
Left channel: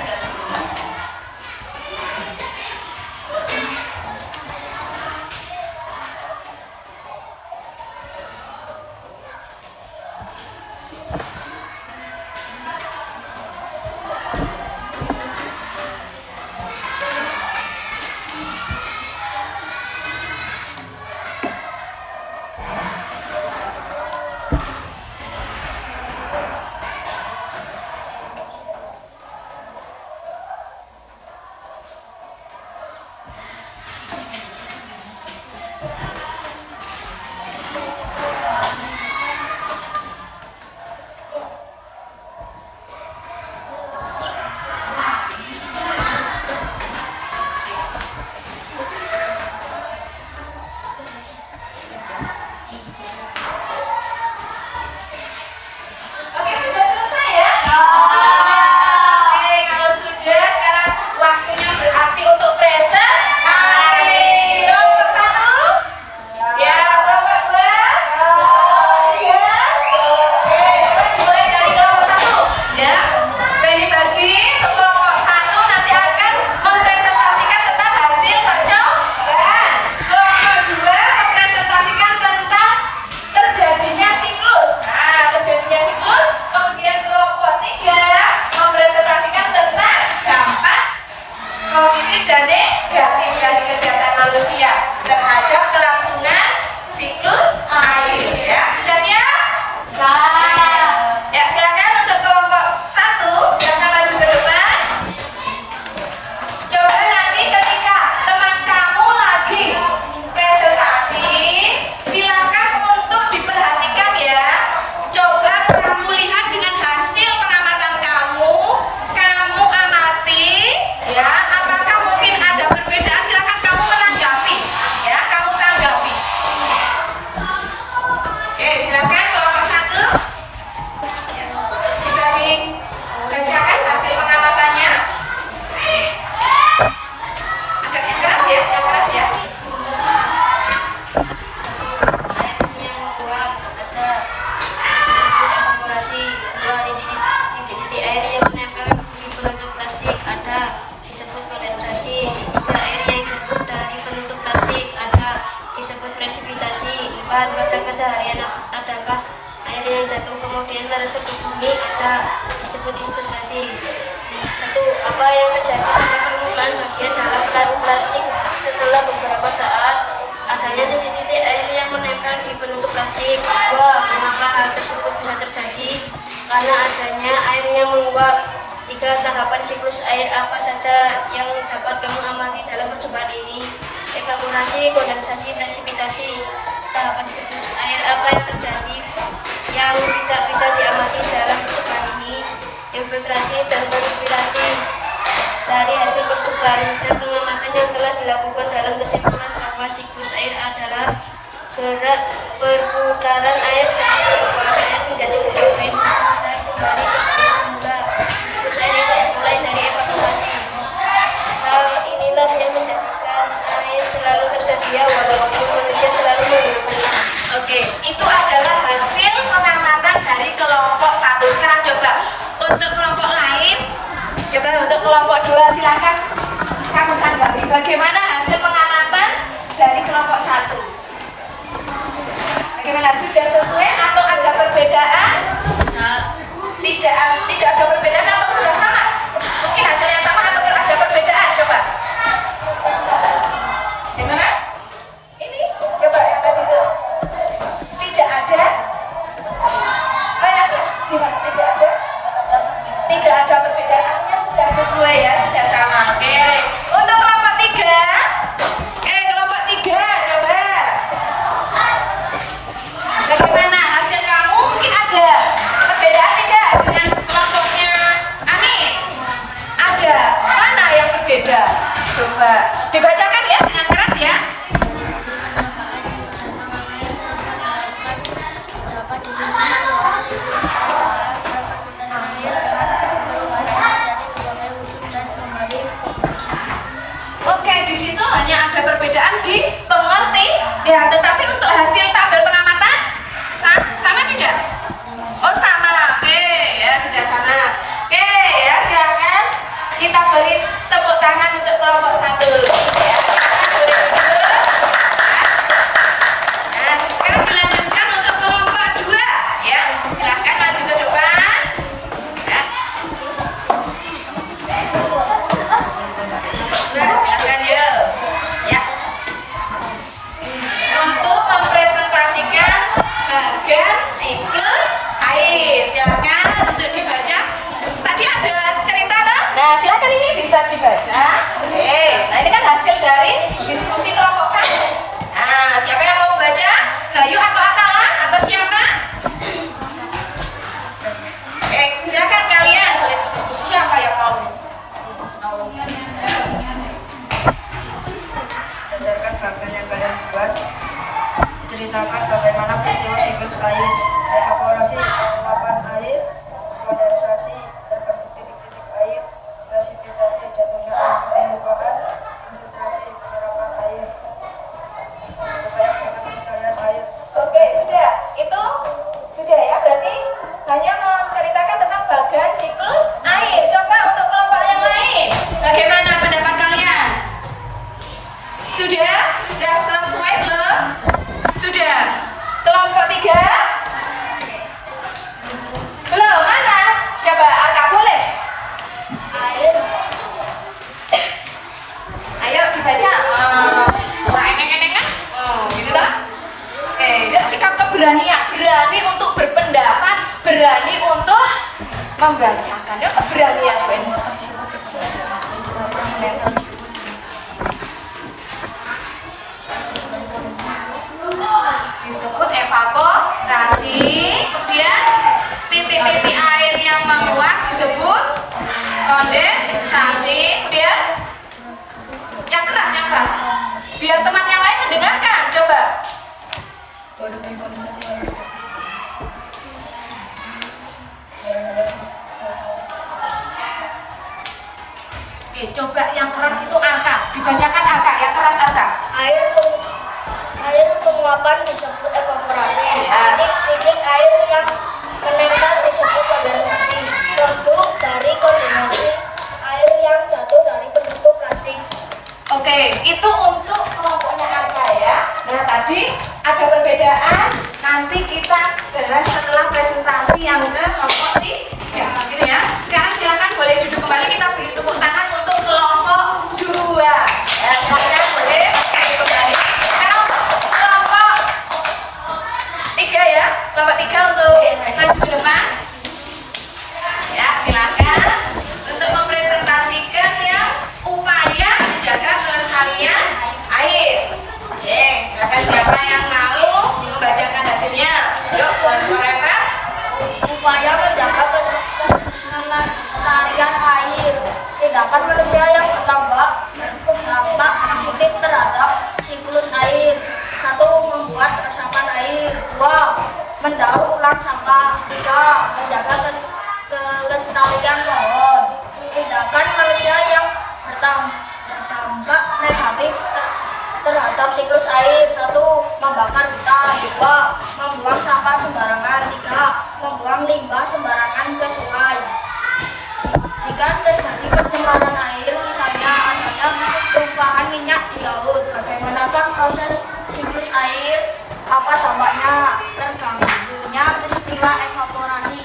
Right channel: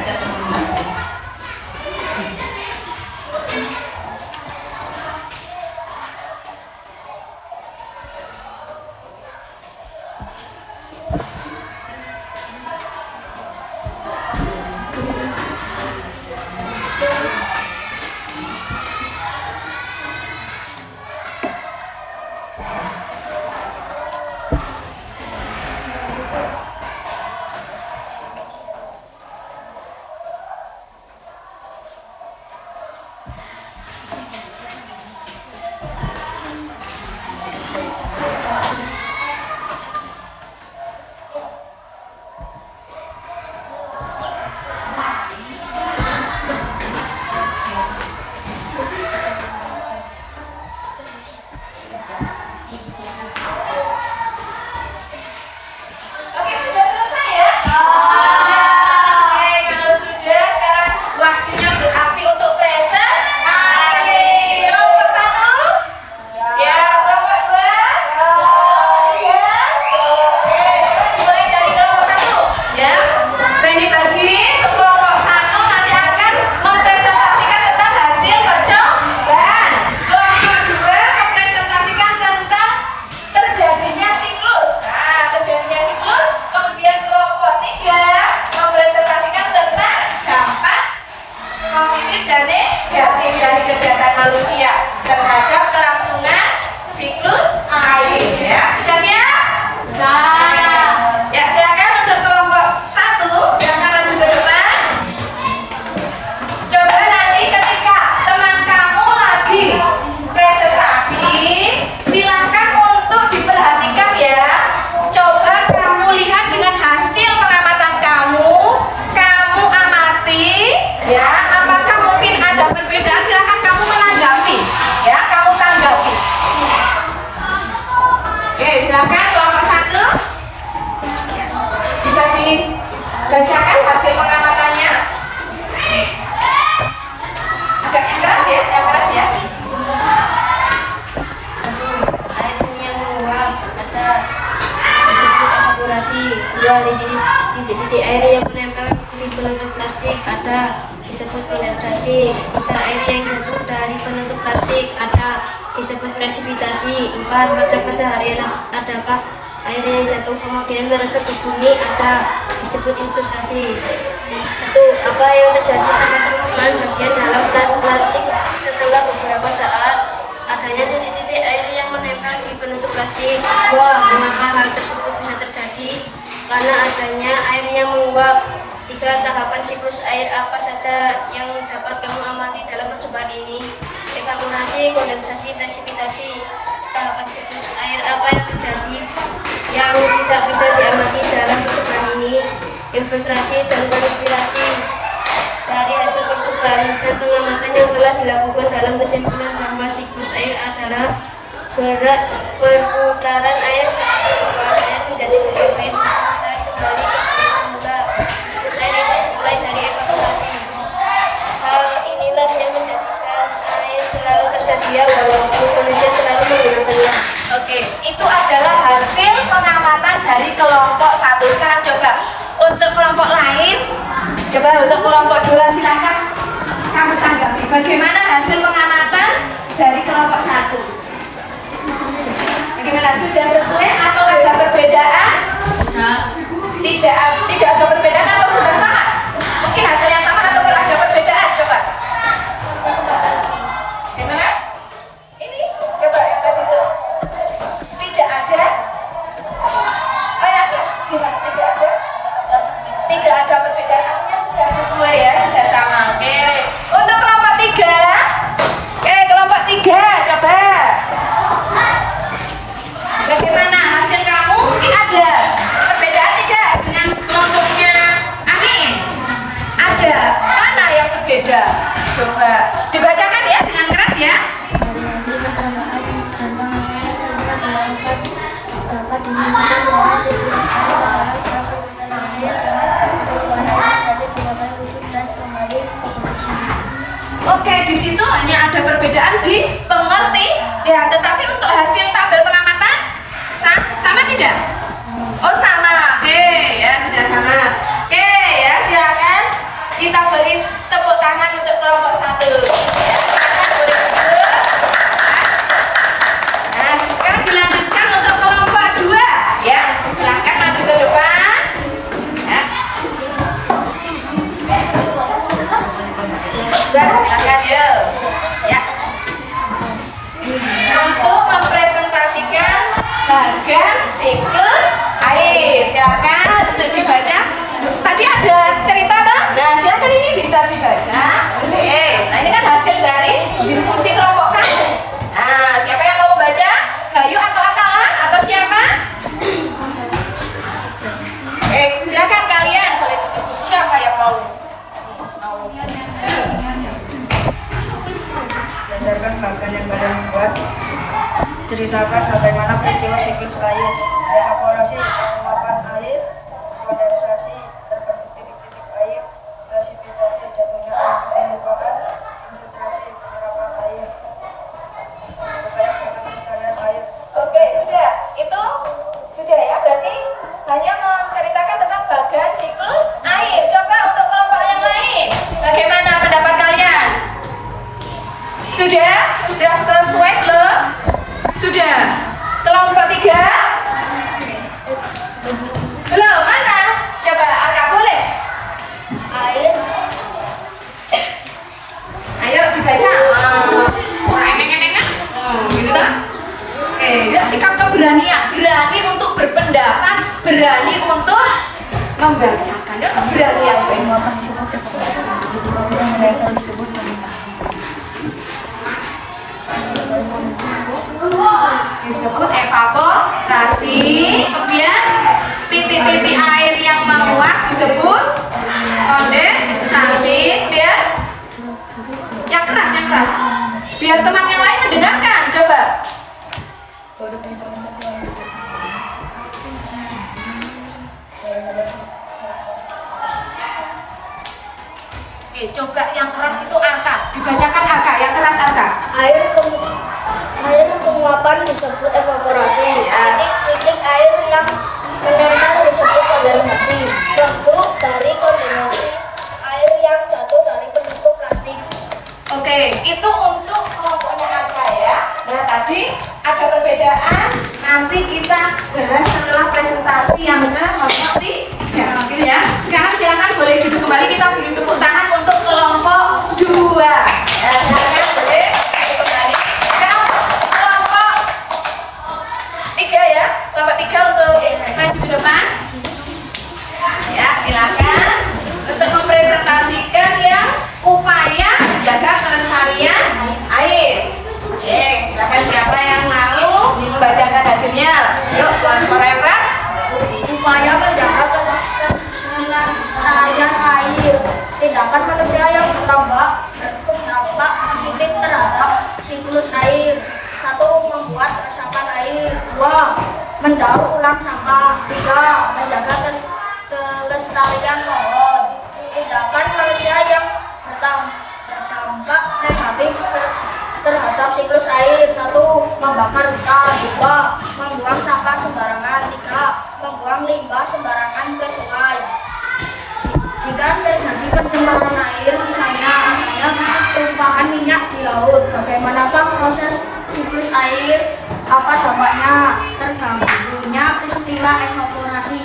Oke, sudah selesai ya? Oke, kalau sudah sekarang waktunya beraksi untuk presentasi. Kelompok 1? Ya, kelompok 2? Ya. Mulai dari kelompok 1 ya. Nah, ini bagi kelompok 1 nanti akan mempresentasikan tentang hasil percobaan. Kelompok 2 mempresentasikan tentang terjadinya siklus. Nah, terjadinya siklus. Kemudian kelompok 3 mempresentasikan tentang dampak positif dan negatif dari kegiatan manusia terhadap kelangsungan siklus air. Ya, sudah siap? Ya, silakan untuk kelompok 1 yang akan maju ke depan. Coba nanti ketika teman kamu lagi presentasi, silakan untuk diperhatikan ya. Coba kamu lihat dengan hasil pengamatan kamu amati ya. Apakah mungkin ada perbedaan? Silakan kamu menanggapi ya, kamu tanggapi. Oke, silakan kelompok 1 bisa dibacakan hasil pengamatannya. Agak yang keras ya, yang keras ya. Air yang menguap ada disebut evaporasi. 2 titik-titik air yang menempel di penutup plastik ada disebut kondensasi. 3 air yang jatuh dari penutup plastik ada disebut presipitasi. 4 pada keseharian adakah air yang jatuh kemudian meresap ke bumi ada disebut infiltrasi. 1. Apa yang terjadi pada permukaan bagian dalam plastik setelah beberapa saat adanya titik-titik air yang menempel di penutup plastik? 2. Mengapa hal tersebut bisa terjadi? Karena adanya air yang menguap. 3. Tahapan siklus air apa saja yang dapat kamu amati dalam percobaan ini? Evaporasi, kondensasi, presipitasi. Tahapan siklus air apa yang terjadi yang tidak bisa diamati dalam percobaan ini? Infiltrasi dan konspirasi. Dari hasil percobaan dan pengamatan yang telah dilakukan dalam kesimpulan bahwa siklus air adalah gerak perputaran air menjadi kegiatan kembali pada semula. Siklus air mulai dari evaporasi. Hal inilah yang menjadikan air selalu tersedia walaupun manusia selalu menggunakannya. Oke, itu adalah hasil pengamatan dari kelompok 1. Sekarang coba untuk kelompok lain Coba untuk kelompok 2 silakan kamu tanggapi bagaimana hasil pengamatan dari kelompok 1. Bagaimana, sudah sesuai atau ada perbedaan? Tidak ada perbedaan atau sudah sama? Mungkin hasilnya sama atau ada perbedaan, coba. Gimana? Ini coba yang tadi itu tidak ada. Oh ya, gimana? Tidak ada perbedaan, artinya sudah sesuai ya, sudah sama. Oke. Untuk kelompok 3, kelompok 3 coba. Bagaimana hasil kamu? Mungkin ada perbedaan tidak dengan kelompoknya Amin? Ada. Mana yang berbeda? Coba dibacakan ya dengan keras ya. Dapat disimpulkan bahwa siklus Oke, di situ hanya ada perbedaan di pengerti ya, tetapi untuk hasil tabel pengamatan sama tidak? Oh sama, oke ya sudah sama. Oke ya, silakan kita beri tepuk tangan untuk kelompok 1 ya. Nah, sekarang dilanjutkan untuk kelompok 2 ya. Silakan maju ke depan. Ya. Silakan yuk. Ya. Untuk mempresentasikan bagan siklus air. Silakan untuk dibaca. Tadi ada cerita tak? Nah, silakan ini bisa dibaca. Oke. Nah, ini kan hasil dari diskusi kelompok kamu. Nah, siapa yang mau membaca? Bayu atau Atala atau siapa? Silakan kalian. Siapa yang mau? Berdasarkan bagan yang kalian buat, ceritakan bagaimana peristiwa siklus air, evaporasi, penguapan air, kondensasi, terbentuk titik-titik air, presipitasi, jatuhnya air ke permukaan, infiltrasi, penyerapan air, upaya pelestarian air. Oke, sudah. Itu sudah ya, berarti hanya menceritakan tentang bagan siklus air. Coba untuk kelompok yang lain, bagaimana pendapat kalian? Sudah? Sudah sesuai belum? Sudah. Kelompok 3? Belum, mana? Coba Aka boleh? air Ayo dibaca. Gitu kan? Sikap keberanian, berani untuk berpendapat, berani untuk membacakan ya, keberanian. Disebut evaporasi. Kemudian titik-titik air yang menguap disebut kondensasi. Kemudian yang keras, biar teman yang lain mendengarkan. Coba. Oke, coba yang keras itu Arka. Dibacakan Arka, yang keras Arka. air penguapan disebut evaporasi. Titik air yang menempel disebut kondensasi. Produk dari kondensasi air yang jatuh dari penutup plastik. Oke, itu untuk kelompoknya Arka ya. Nah, tadi ada perbedaan. Nanti kita bahas setelah presentasi yang ke kelompok 3. Gitu ya. Sekarang silakan boleh duduk kembali. Kita beri tepuk tangan untuk kelompok 2. Ya, silakan boleh duduk kembali. Sekarang kelompok 3 ya. Kelompok 3 untuk maju ke depan. Ya, silakan untuk mempresentasikan yang upaya menjaga kelestarian air. Oke, silakan siapa yang mau membacakan hasilnya. Yuk, buat suara yang keras. Upaya menjaga kelestarian air. Tindakan manusia yang berdampak positif terhadap siklus air. 1. Membuat resapan air. 2. Mendaur ulang sampah. 3. Menjaga kelestarian pohon. Tindakan manusia yang berdampak negatif terhadap siklus air. 1. Membakar hutan. 2. Membuang sampah sembarangan. 3. Membuang limbah sembarangan ke sungai. mengendalikan terjadi pencemaran air, misalnya adanya tumpahan minyak di laut. Bagaimanakah proses siklus air? Apa dampaknya? Terganggunya peristiwa evaporasi.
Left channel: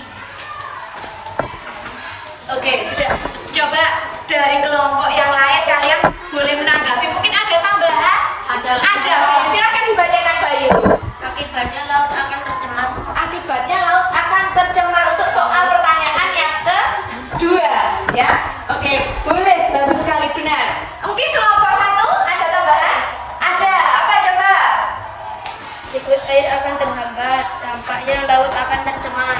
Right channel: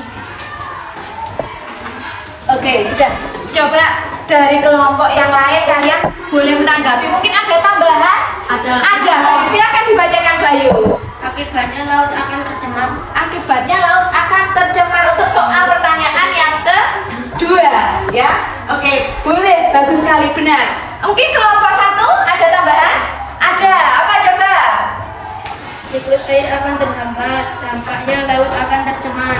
Oke, sudah. Coba dari kelompok yang lain kalian boleh menanggapi. Mungkin ada tambahan? Ada. Ada. Bayu, silakan dibacakan Bayu. Akibatnya laut akan tercemar. Akibatnya laut akan tercemar. Untuk soal pertanyaan yang kedua, ya. Oke, boleh. Bagus sekali, benar. Mungkin kelompok satu ada tambahan? Ada. Apa coba? Siklus air akan terhambat. Dampaknya laut akan tercemar.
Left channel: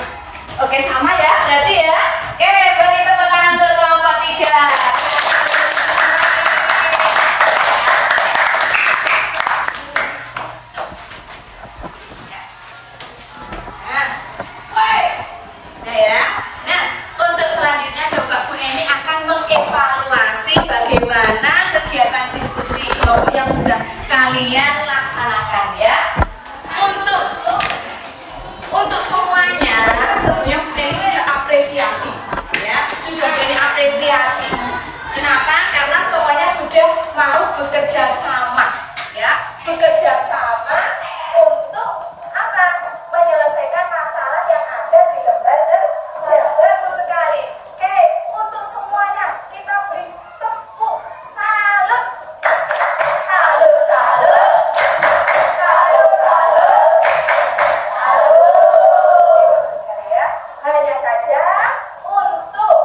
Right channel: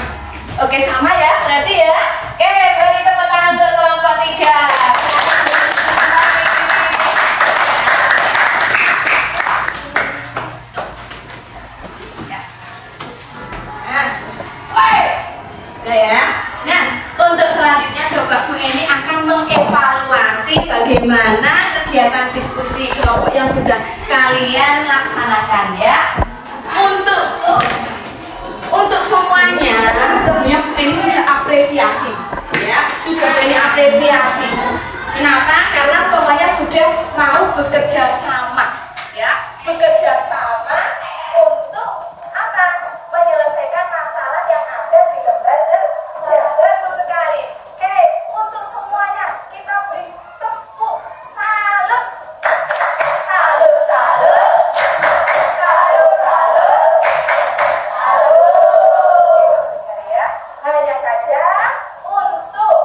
Oke, sama ya. Berarti ya. Oke, beri tepuk tangan untuk kelompok 3. Nah, ya. Nah, untuk selanjutnya coba Bu Eni akan mengevaluasi bagaimana kegiatan diskusi kelompok yang sudah kalian laksanakan ya. Untuk semuanya sebenarnya Bu Eni sudah apresiasi ya, sudah Bu Eni apresiasi. Kenapa? Karena semuanya sudah mau bekerja sama ya, bekerja sama untuk apa? Menyelesaikan masalah yang ada di lembaga kerja. Bagus sekali. Oke, untuk semuanya kita beri tepuk salut. Salut, salut. Salut, salut. Salut. Sekali ya. Hanya saja untuk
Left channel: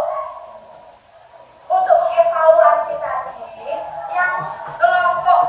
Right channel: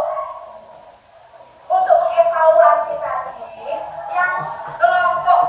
mengevaluasi tadi yang kelompok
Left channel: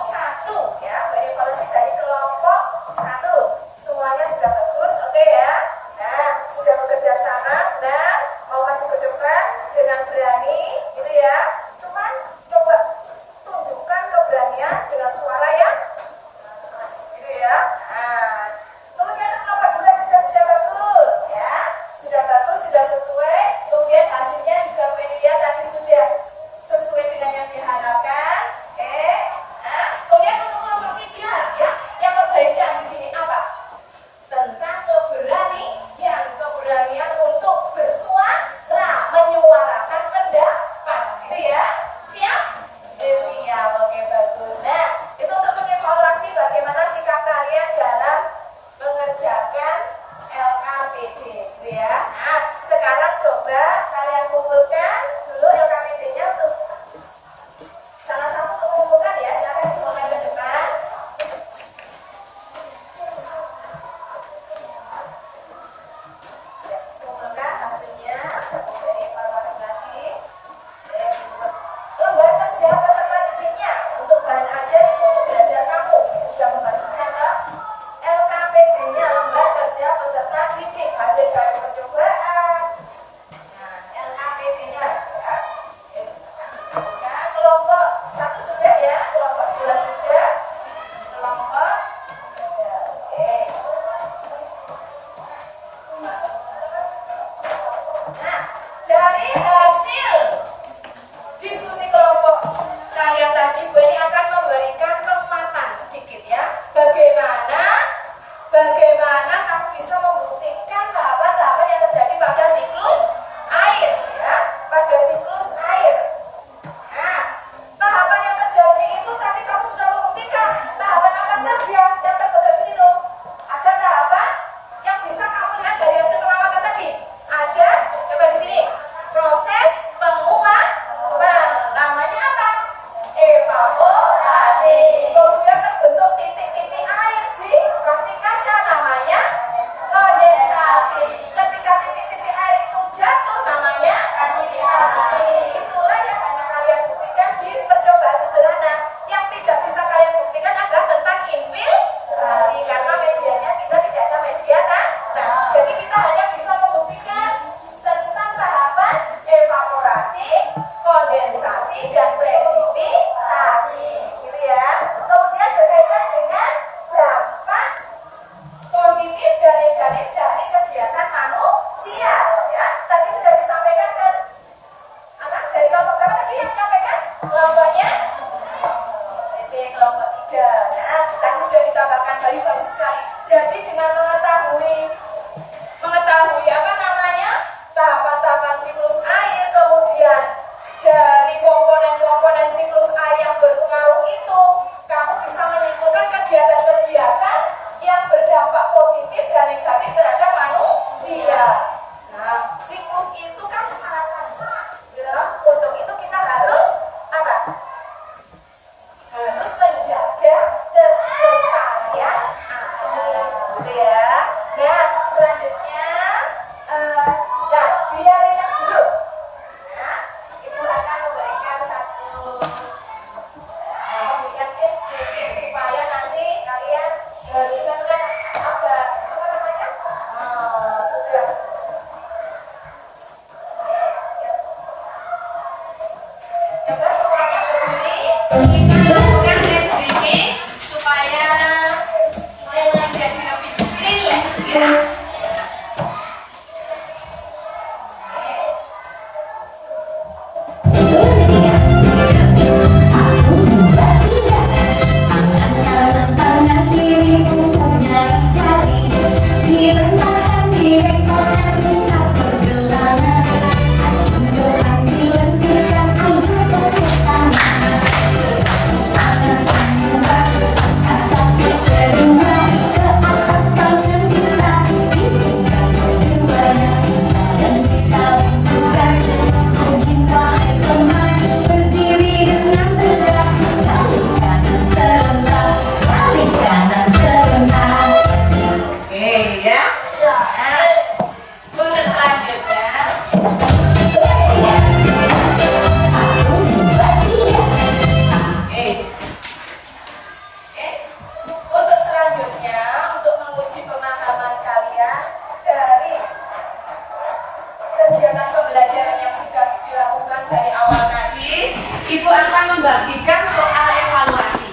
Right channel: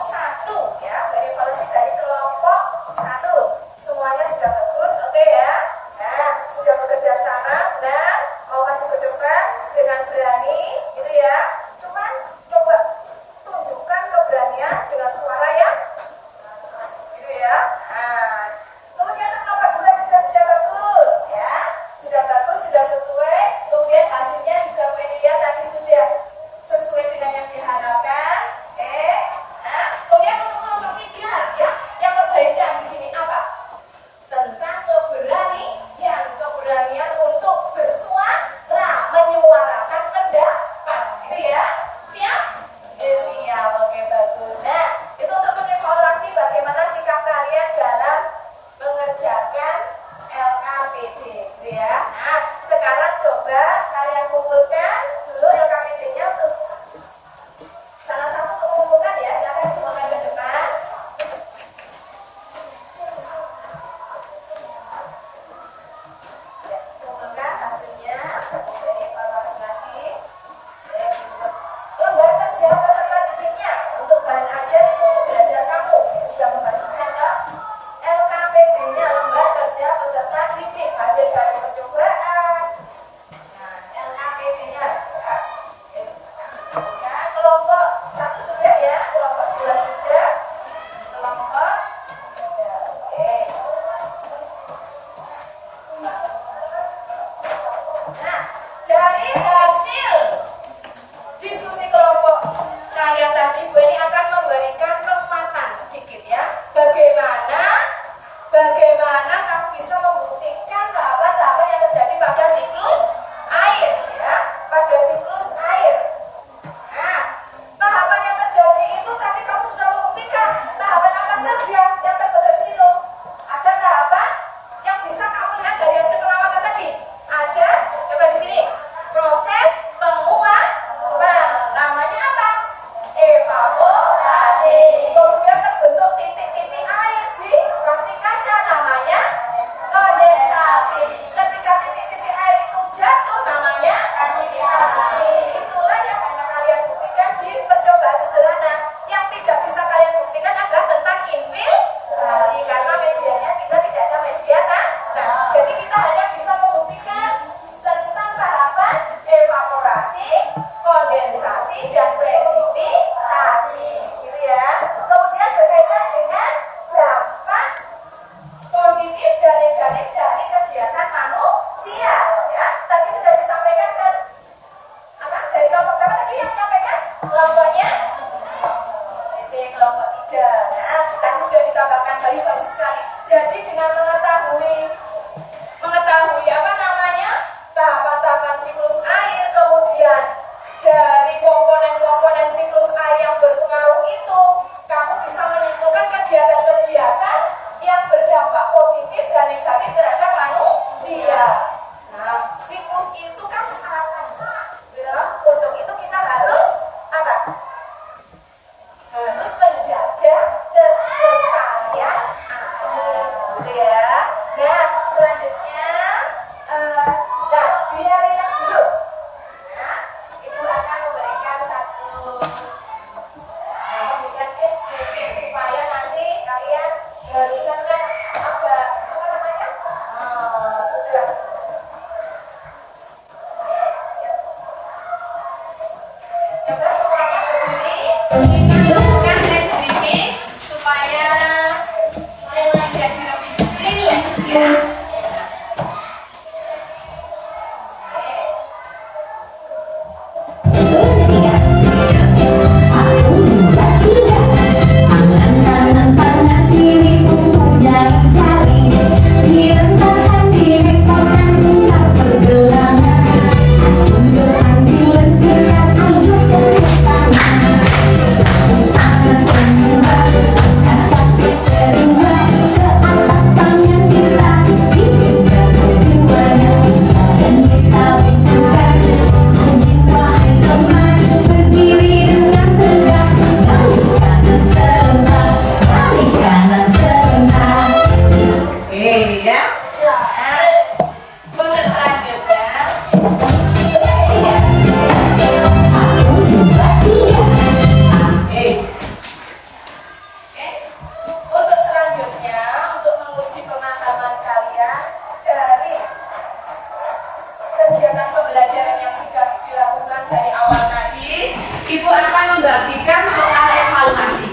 membagikan soal evaluasi.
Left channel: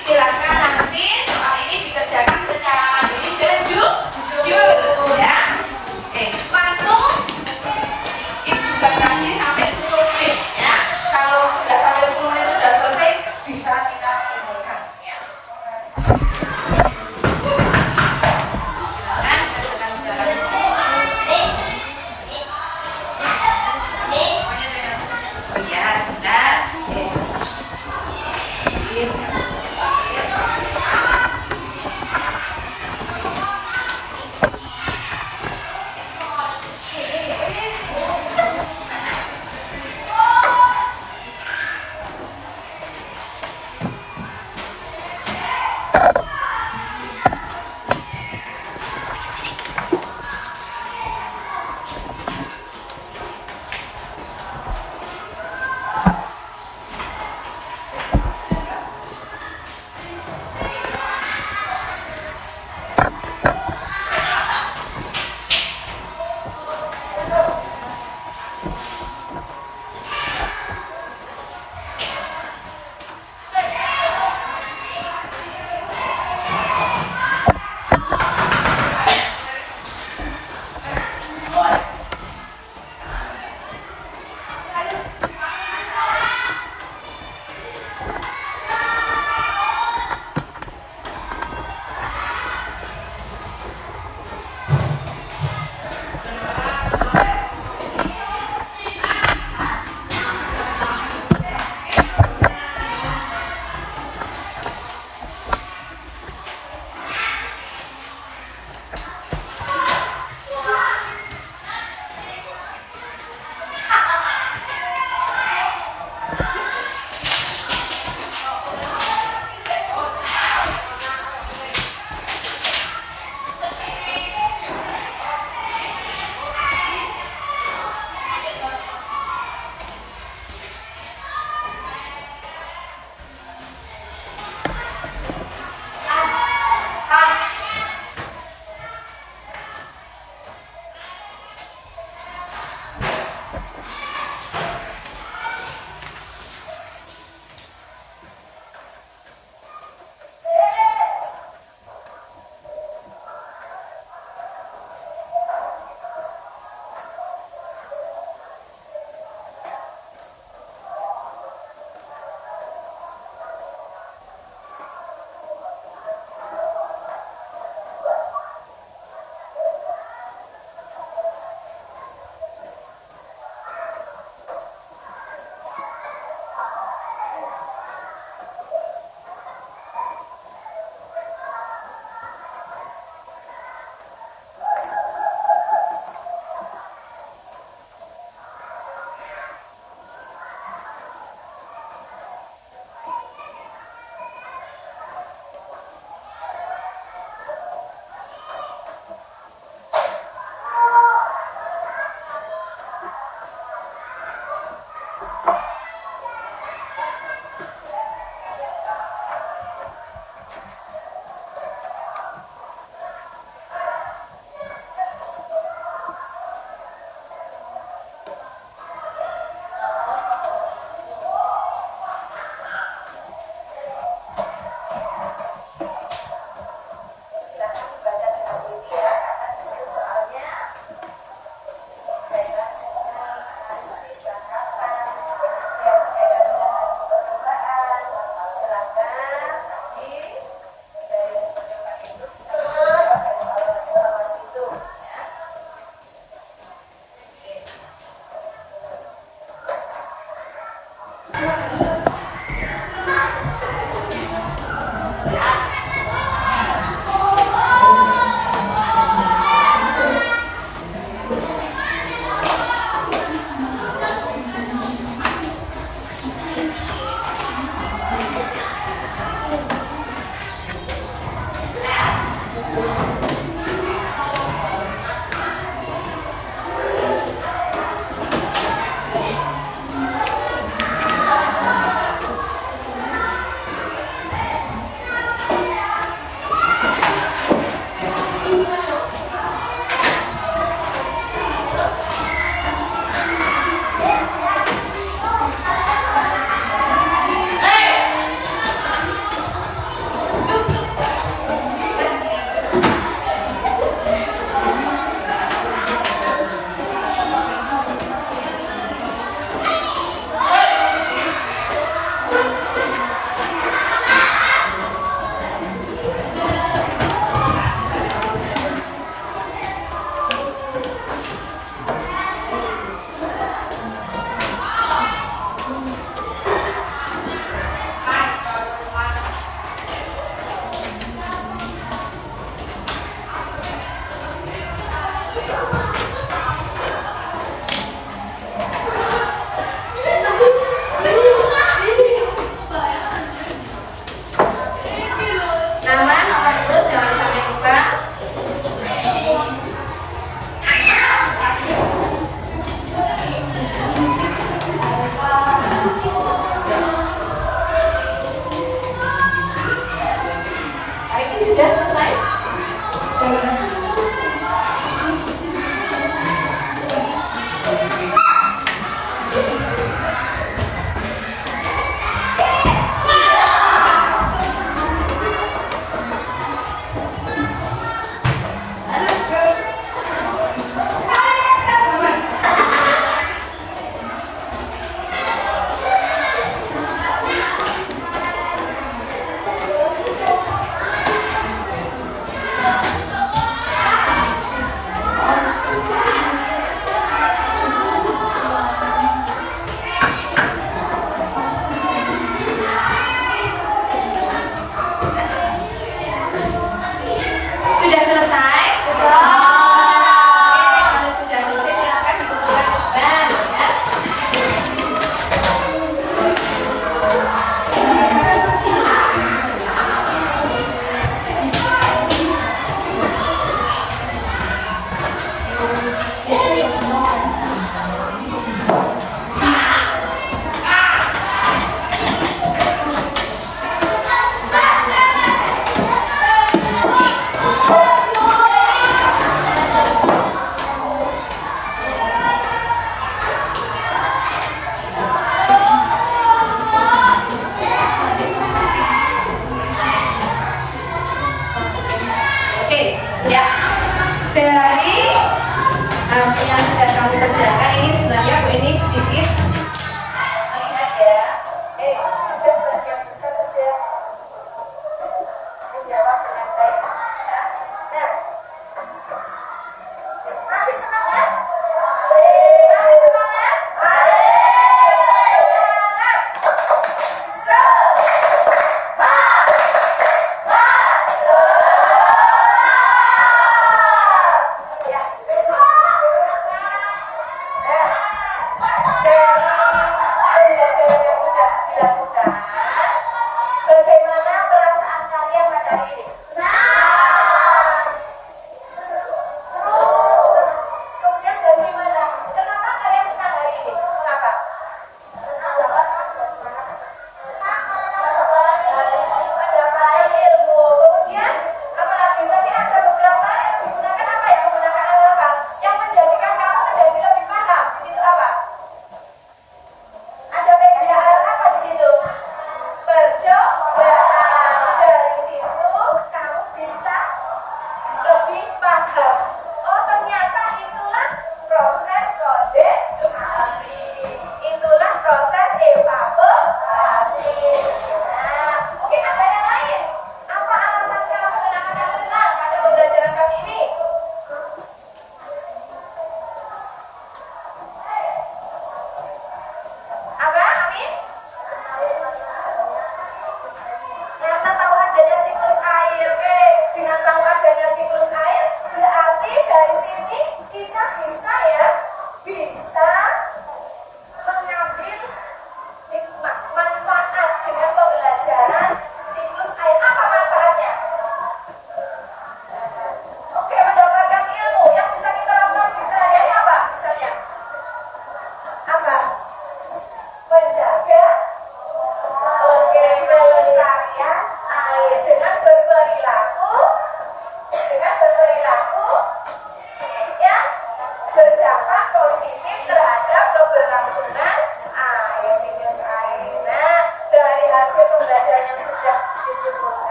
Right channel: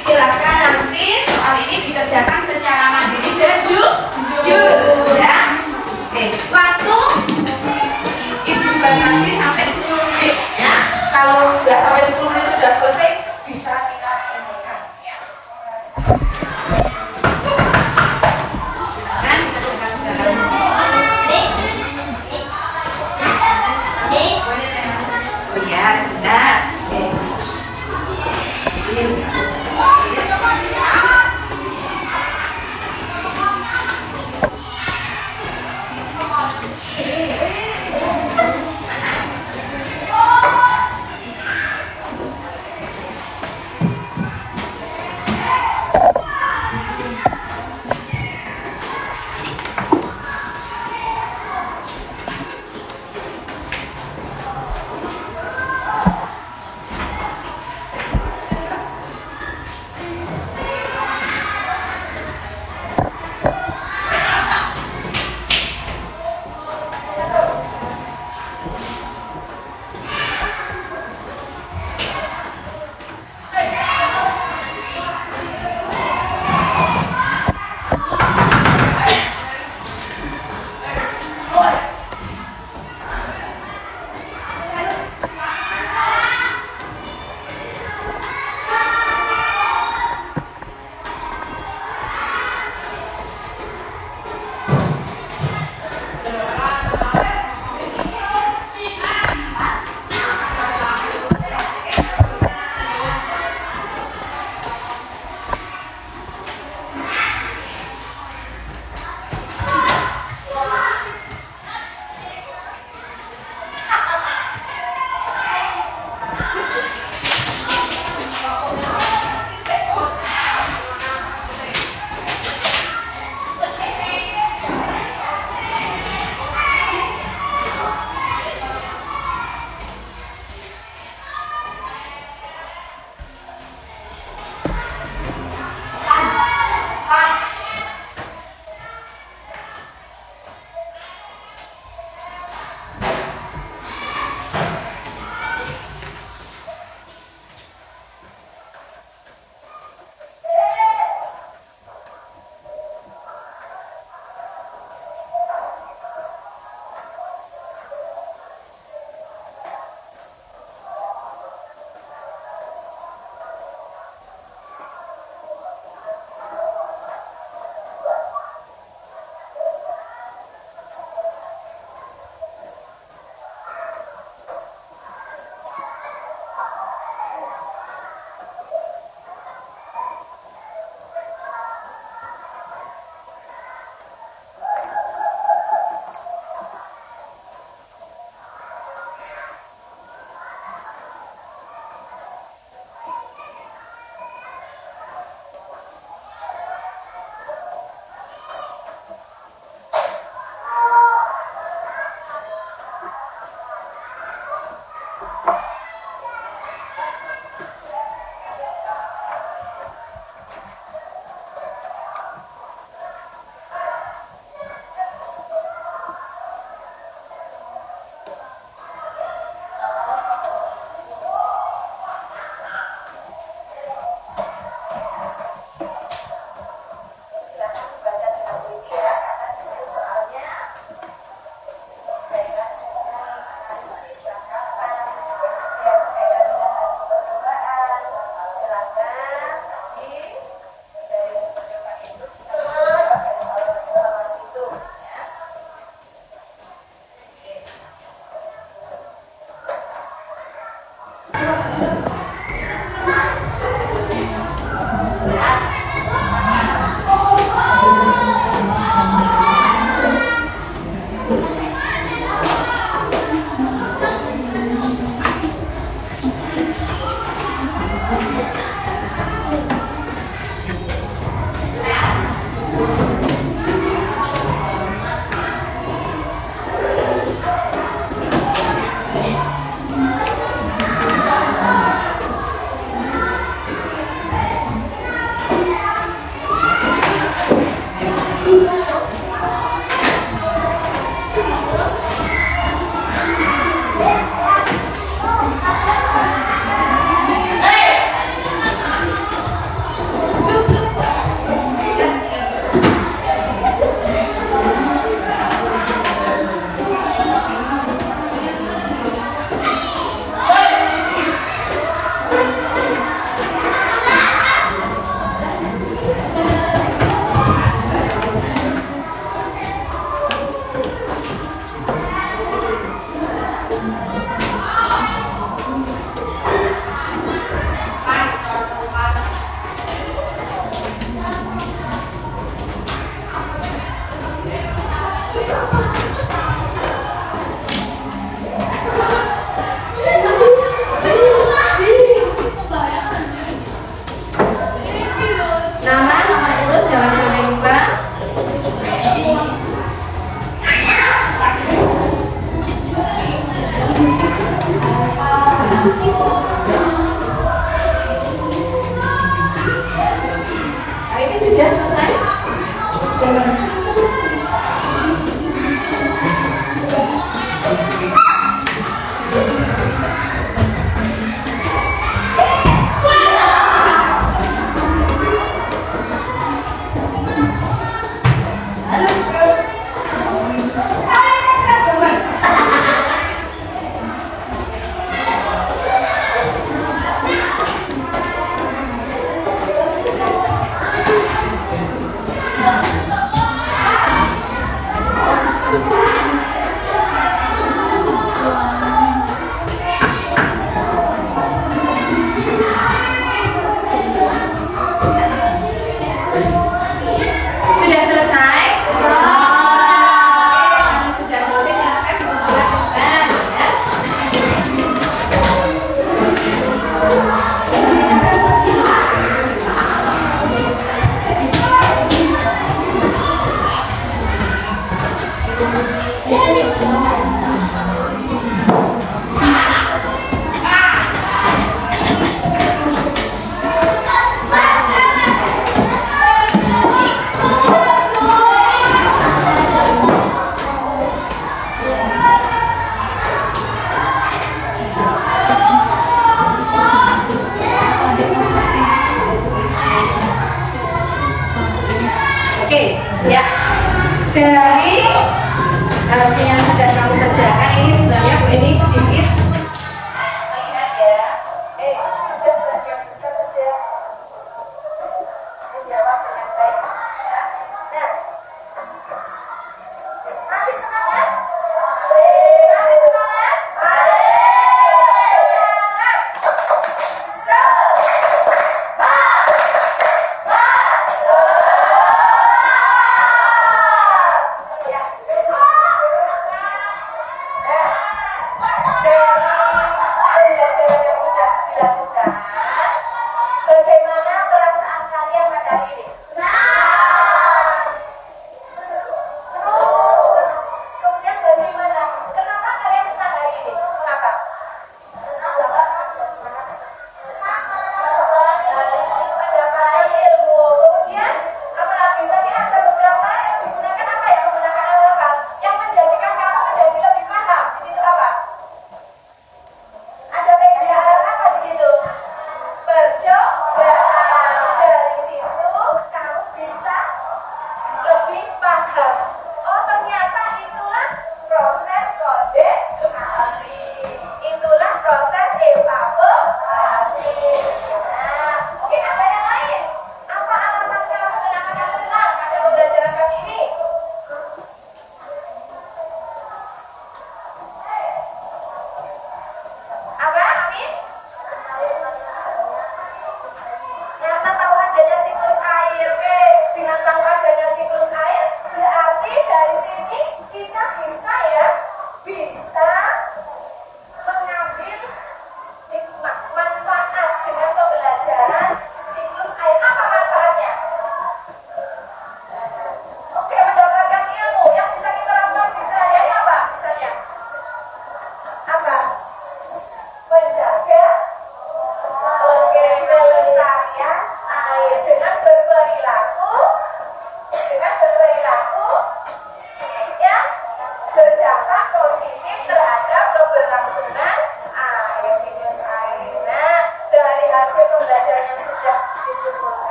Silakan nanti soal ini dikerjakan secara mandiri dan jujur, ya. Oke, waktu Ibu batasi sampai 10 menit, ya. Kalau nggak sampai 10 menit sudah selesai, bisa kita timurkan, ya. Silakan dikerjakan secara oh ya, sebentar.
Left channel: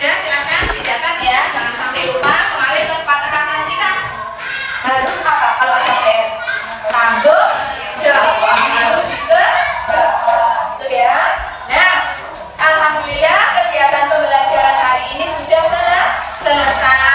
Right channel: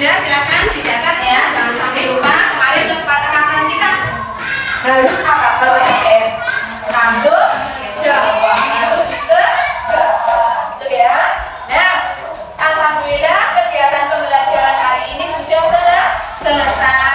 sudah, silakan dicatat ya, jangan sampai lupa. Kemarin kesepakatan kita harus apa? Kalau tanggung jawab, harus gitu ya. Nah, alhamdulillah kegiatan pembelajaran hari ini sudah selesai.